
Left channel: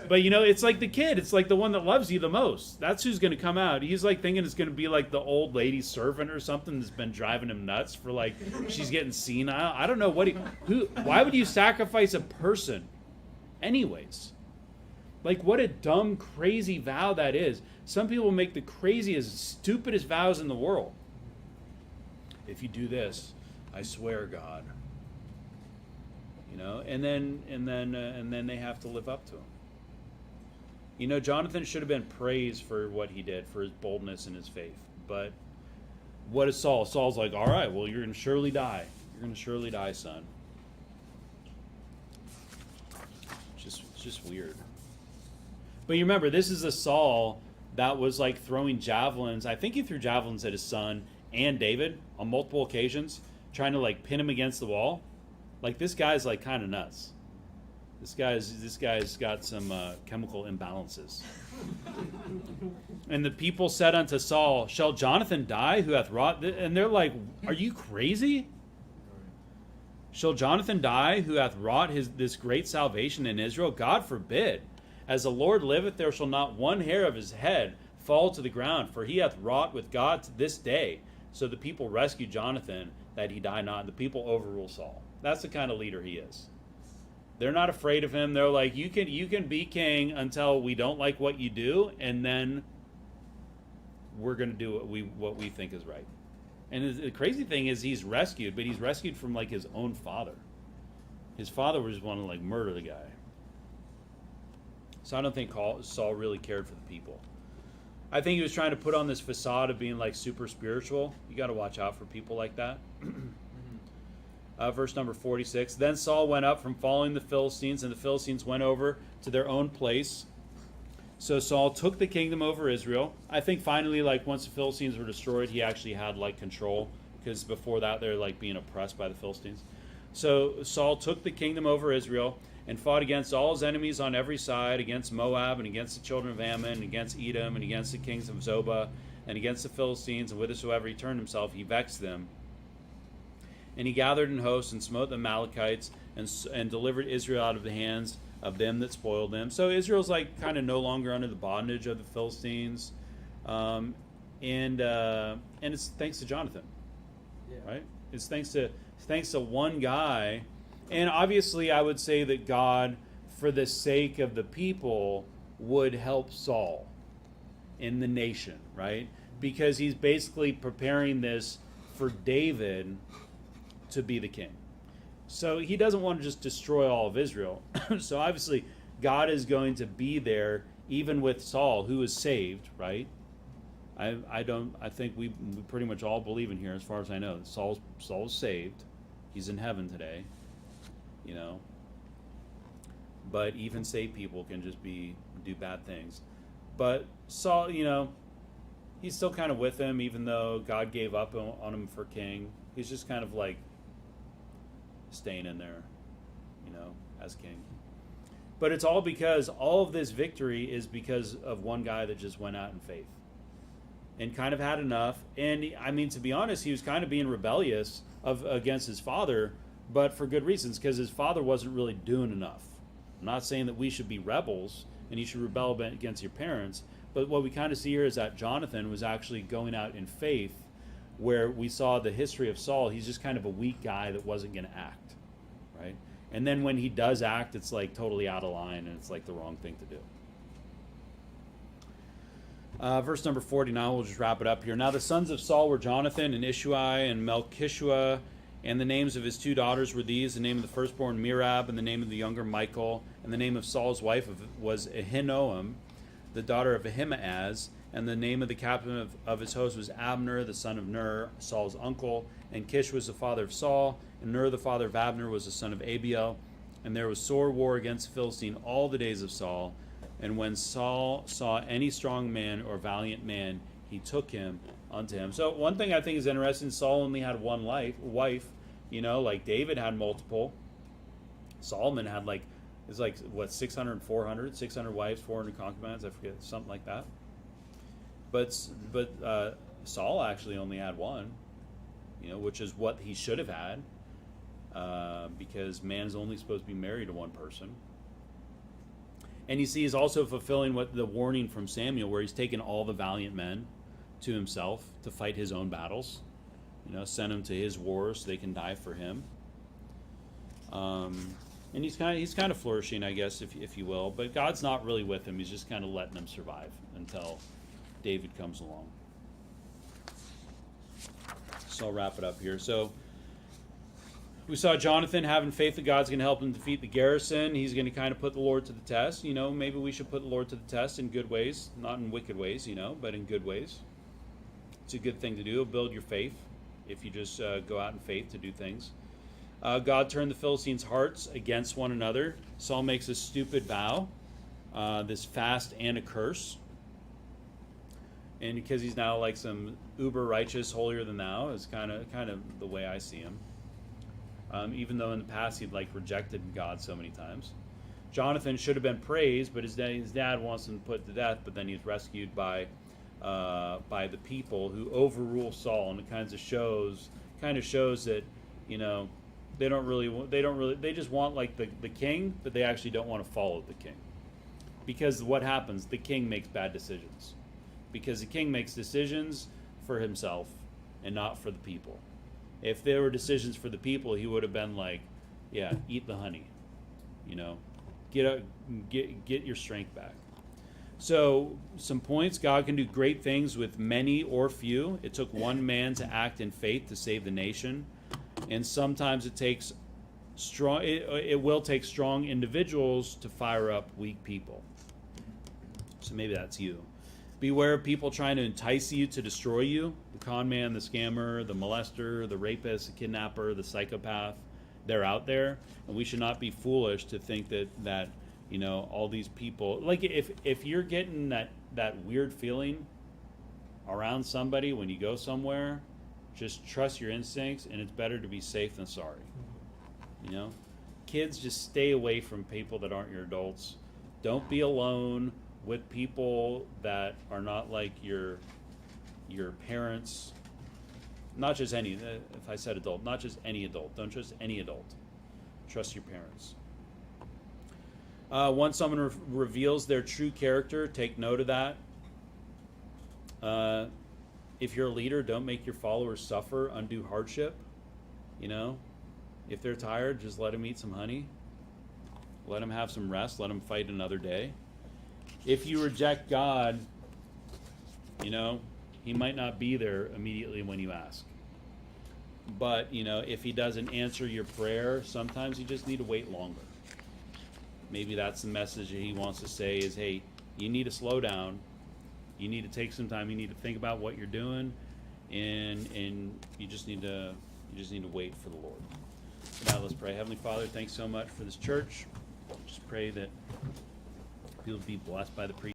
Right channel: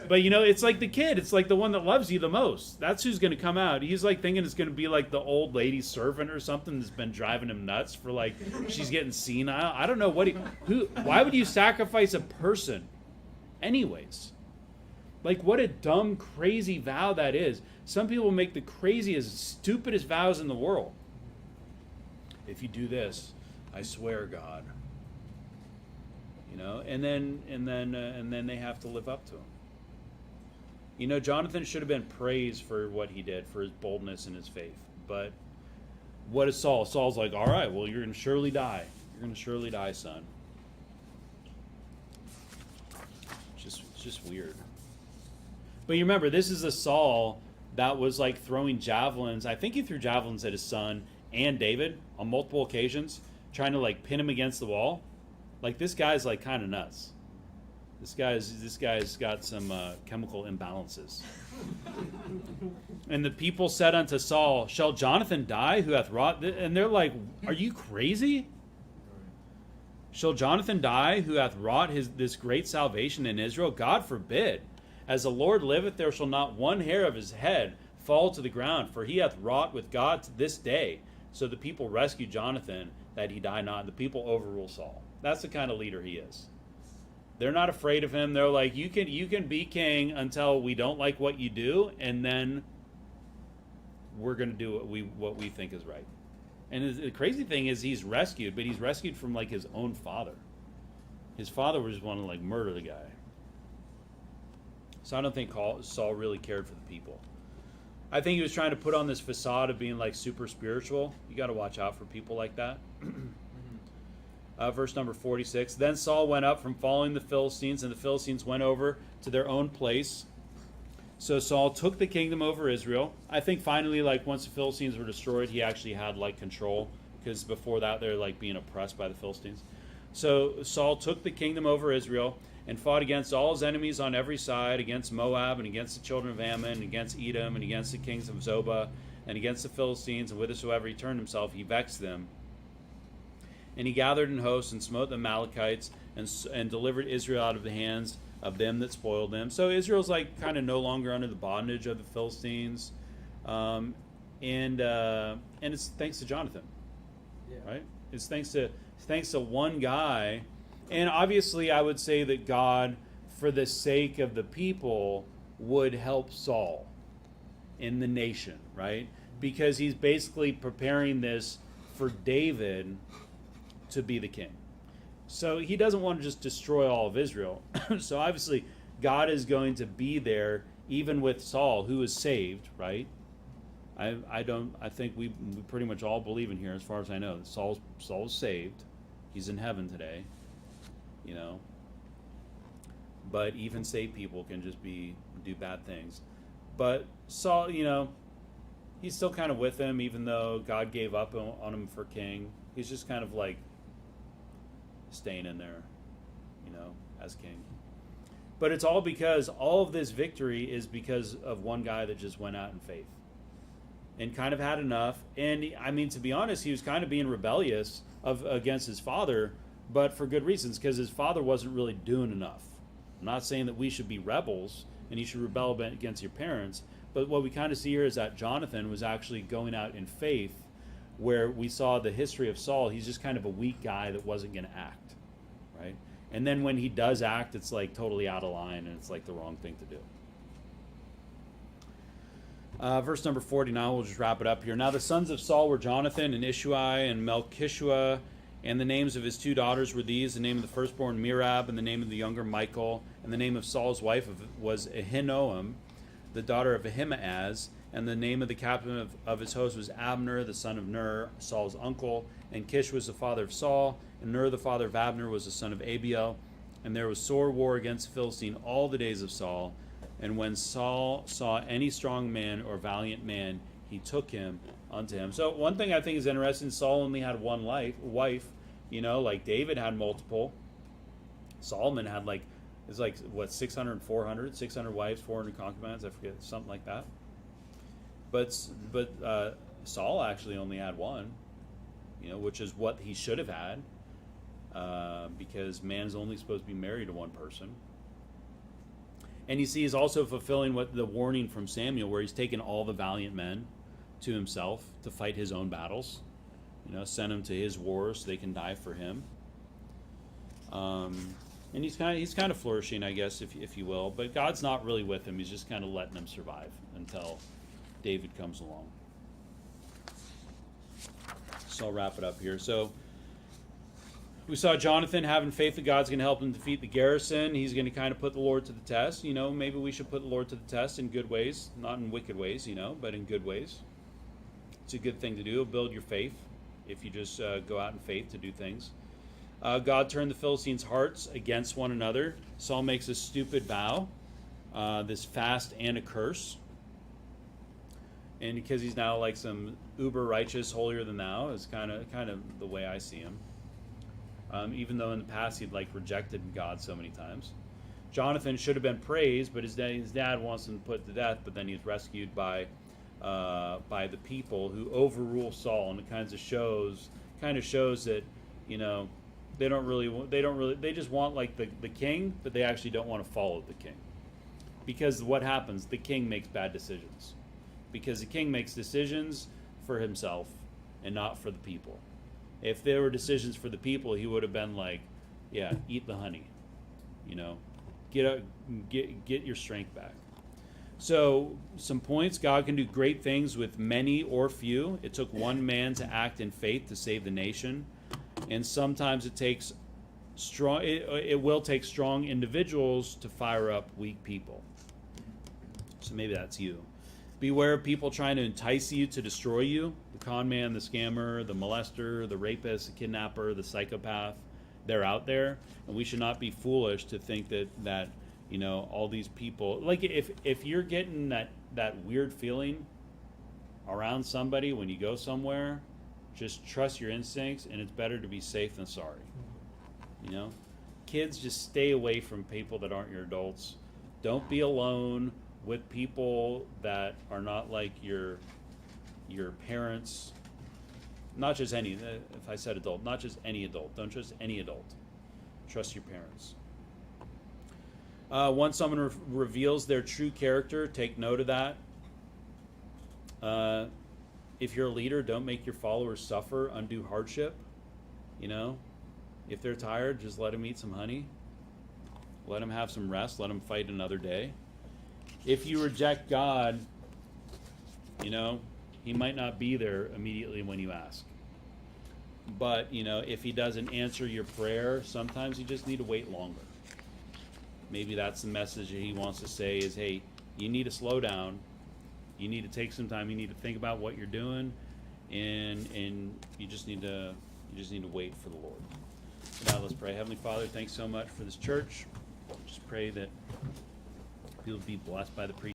But it's like the kid. It's like the one that loves you the most. That's who's going to come out. He's like thinking it's going to be like the old lady servant or something that's been driving him nuts for like she's getting senile. I don't know why would you sacrifice a person anyways? Like, what a dumb, crazy vow that is. Some people make the craziest, stupidest vows in the world. If you do this, I swear, God. And then they have to live up to him. Jonathan should have been praised for what he did, for his boldness and his faith. But what is Saul? Saul's like, all right, well, you're going to surely die. You're going to surely die, son. It's just weird. But you remember, this is a Saul that was like throwing javelins. I think he threw javelins at his son and David on multiple occasions, trying to like pin him against the wall. Like, this guy's like kind of nuts. This guy's got some chemical imbalances. And the people said unto Saul, shall Jonathan die who hath wrought this? And they're like, are you crazy? Shall Jonathan die who hath wrought this great salvation in Israel? God forbid. As the Lord liveth, there shall not one hair of his head fall to the ground, for he hath wrought with God to this day. So the people rescued Jonathan, that he die not, and the people overrule Saul. That's the kind of leader he is. They're not afraid of him. They're like, you can be king until we don't like what you do, and then we're going to do what we think is right. And the crazy thing is, he's rescued, but he's rescued from like his own father. His father was want to like murder the guy. So I don't think Saul really cared for the people. I think he was trying to put on this facade of being like super spiritual. You got to watch out for people like that. Verse number 46. Then Saul went up from following the Philistines, and the Philistines went over to their own place. So Saul took the kingdom over Israel. I think finally, like once the Philistines were destroyed, he actually had like control, because before that they're like being oppressed by the Philistines. So Saul took the kingdom over Israel and fought against all his enemies on every side, against Moab, and against the children of Ammon, and against Edom, and against the kings of Zobah, and against the Philistines, and whithersoever he turned himself, he vexed them. And he gathered in hosts, and smote the Amalekites, and delivered Israel out of the hands of them that spoiled them. So Israel's like kind of no longer under the bondage of the Philistines, and it's thanks to Jonathan, right? It's thanks to one guy. And obviously, I would say that God, for the sake of the people, would help Saul in the nation, right? Because he's basically preparing this for David to be the king. So he doesn't want to just destroy all of Israel. So obviously, God is going to be there, even with Saul, who is saved, right? I think we pretty much all believe in here, as far as I know, that Saul's saved. He's in heaven today. But even saved people can just do bad things. But Saul, he's still kind of with him, even though God gave up on him for king. He's just kind of like staying in there, as king. But it's all because all of this victory is because of one guy that just went out in faith and kind of had enough. And I mean, to be honest, he was kind of being rebellious against his father, but for good reasons, because his father wasn't really doing enough. I'm not saying that we should be rebels and you should rebel against your parents, but what we kind of see here is that Jonathan was actually going out in faith where we saw the history of Saul, he's just kind of a weak guy that wasn't going to act, right? And then when he does act, it's like totally out of line, and it's like the wrong thing to do. Verse number 49, we'll just wrap it up here. Now the sons of Saul were Jonathan and Ishui and Melchishua, and the names of his two daughters were these: the name of the firstborn Merab, and the name of the younger Michal, and the name of Saul's wife was Ahinoam, the daughter of Ahimaaz, and the name of the captain of his host was Abner, the son of Ner, Saul's uncle, and Kish was the father of Saul, and Ner, the father of Abner, was the son of Abiel. And there was sore war against the Philistine all the days of Saul. And when Saul saw any strong man or valiant man, he took him unto him. So one thing I think is interesting, Saul only had one wife. You know, like David had multiple. Solomon had 600 wives, 400 concubines, I forget, something like that. But Saul actually only had one, you know, which is what he should have had, because man is only supposed to be married to one person. And you see, he's also fulfilling what the warning from Samuel, where he's taken all the valiant men to himself to fight his own battles. You know, send them to his wars so they can die for him. And he's kind of flourishing, I guess, if you will. But God's not really with him. He's just kind of letting him survive until David comes along. So I'll wrap it up here. So we saw Jonathan having faith that God's going to help him defeat the garrison. He's going to kind of put the Lord to the test. You know, maybe we should put the Lord to the test in good ways, not in wicked ways, you know, but in good ways. It's a good thing to do. It'll build your faith if you just go out in faith to do things. God turned the Philistines' hearts against one another. Saul makes a stupid vow, this fast and a curse. And because he's now like some uber righteous, holier than thou, is kind of the way I see him. Even though in the past he'd rejected God so many times. Jonathan should have been praised, but his dad wants him put to death. But then he's rescued by the people who overrule Saul, and it kind of shows that, you know, they just want the king, but they actually don't want to follow the king. Because what happens? The king makes bad decisions. Because the king makes decisions for himself and not for the people. If there were decisions for the people, he would have been eat the honey. You know, get your strength back. So, some points. God can do great things with many or few. It took one man to act in faith to save the nation. And sometimes it takes strong. It will take strong individuals to fire up weak people. So maybe that's you. Beware of people trying to entice you to destroy you. The con man, the scammer, the molester, the rapist, the kidnapper, the psychopath. They're out there, and we should not be foolish to think that you know, all these people. Like if you're getting that weird feeling around somebody when you go somewhere, just trust your instincts, and it's better to be safe than sorry. You know, kids, just stay away from people that aren't your adults. Don't be alone with people that are not like your parents. Not just any. If I said adult, not just any adult. Don't trust any adult. Trust your parents. Once someone reveals their true character, take note of that. If you're a leader, don't make your followers suffer undue hardship. You know, if they're tired, just let them eat some honey. Let them have some rest. Let them fight another day. If you reject God, you know, he might not be there immediately when you ask. But, you know, if he doesn't answer your prayer, sometimes you just need to wait longer. Maybe that's the message that he wants to say is, hey, you need to slow down. You need to take some time. You need to think about what you're doing, and you just need to wait for the Lord. Now let's pray. Heavenly Father, thanks so much for this church. Just pray that people be blessed by the preaching.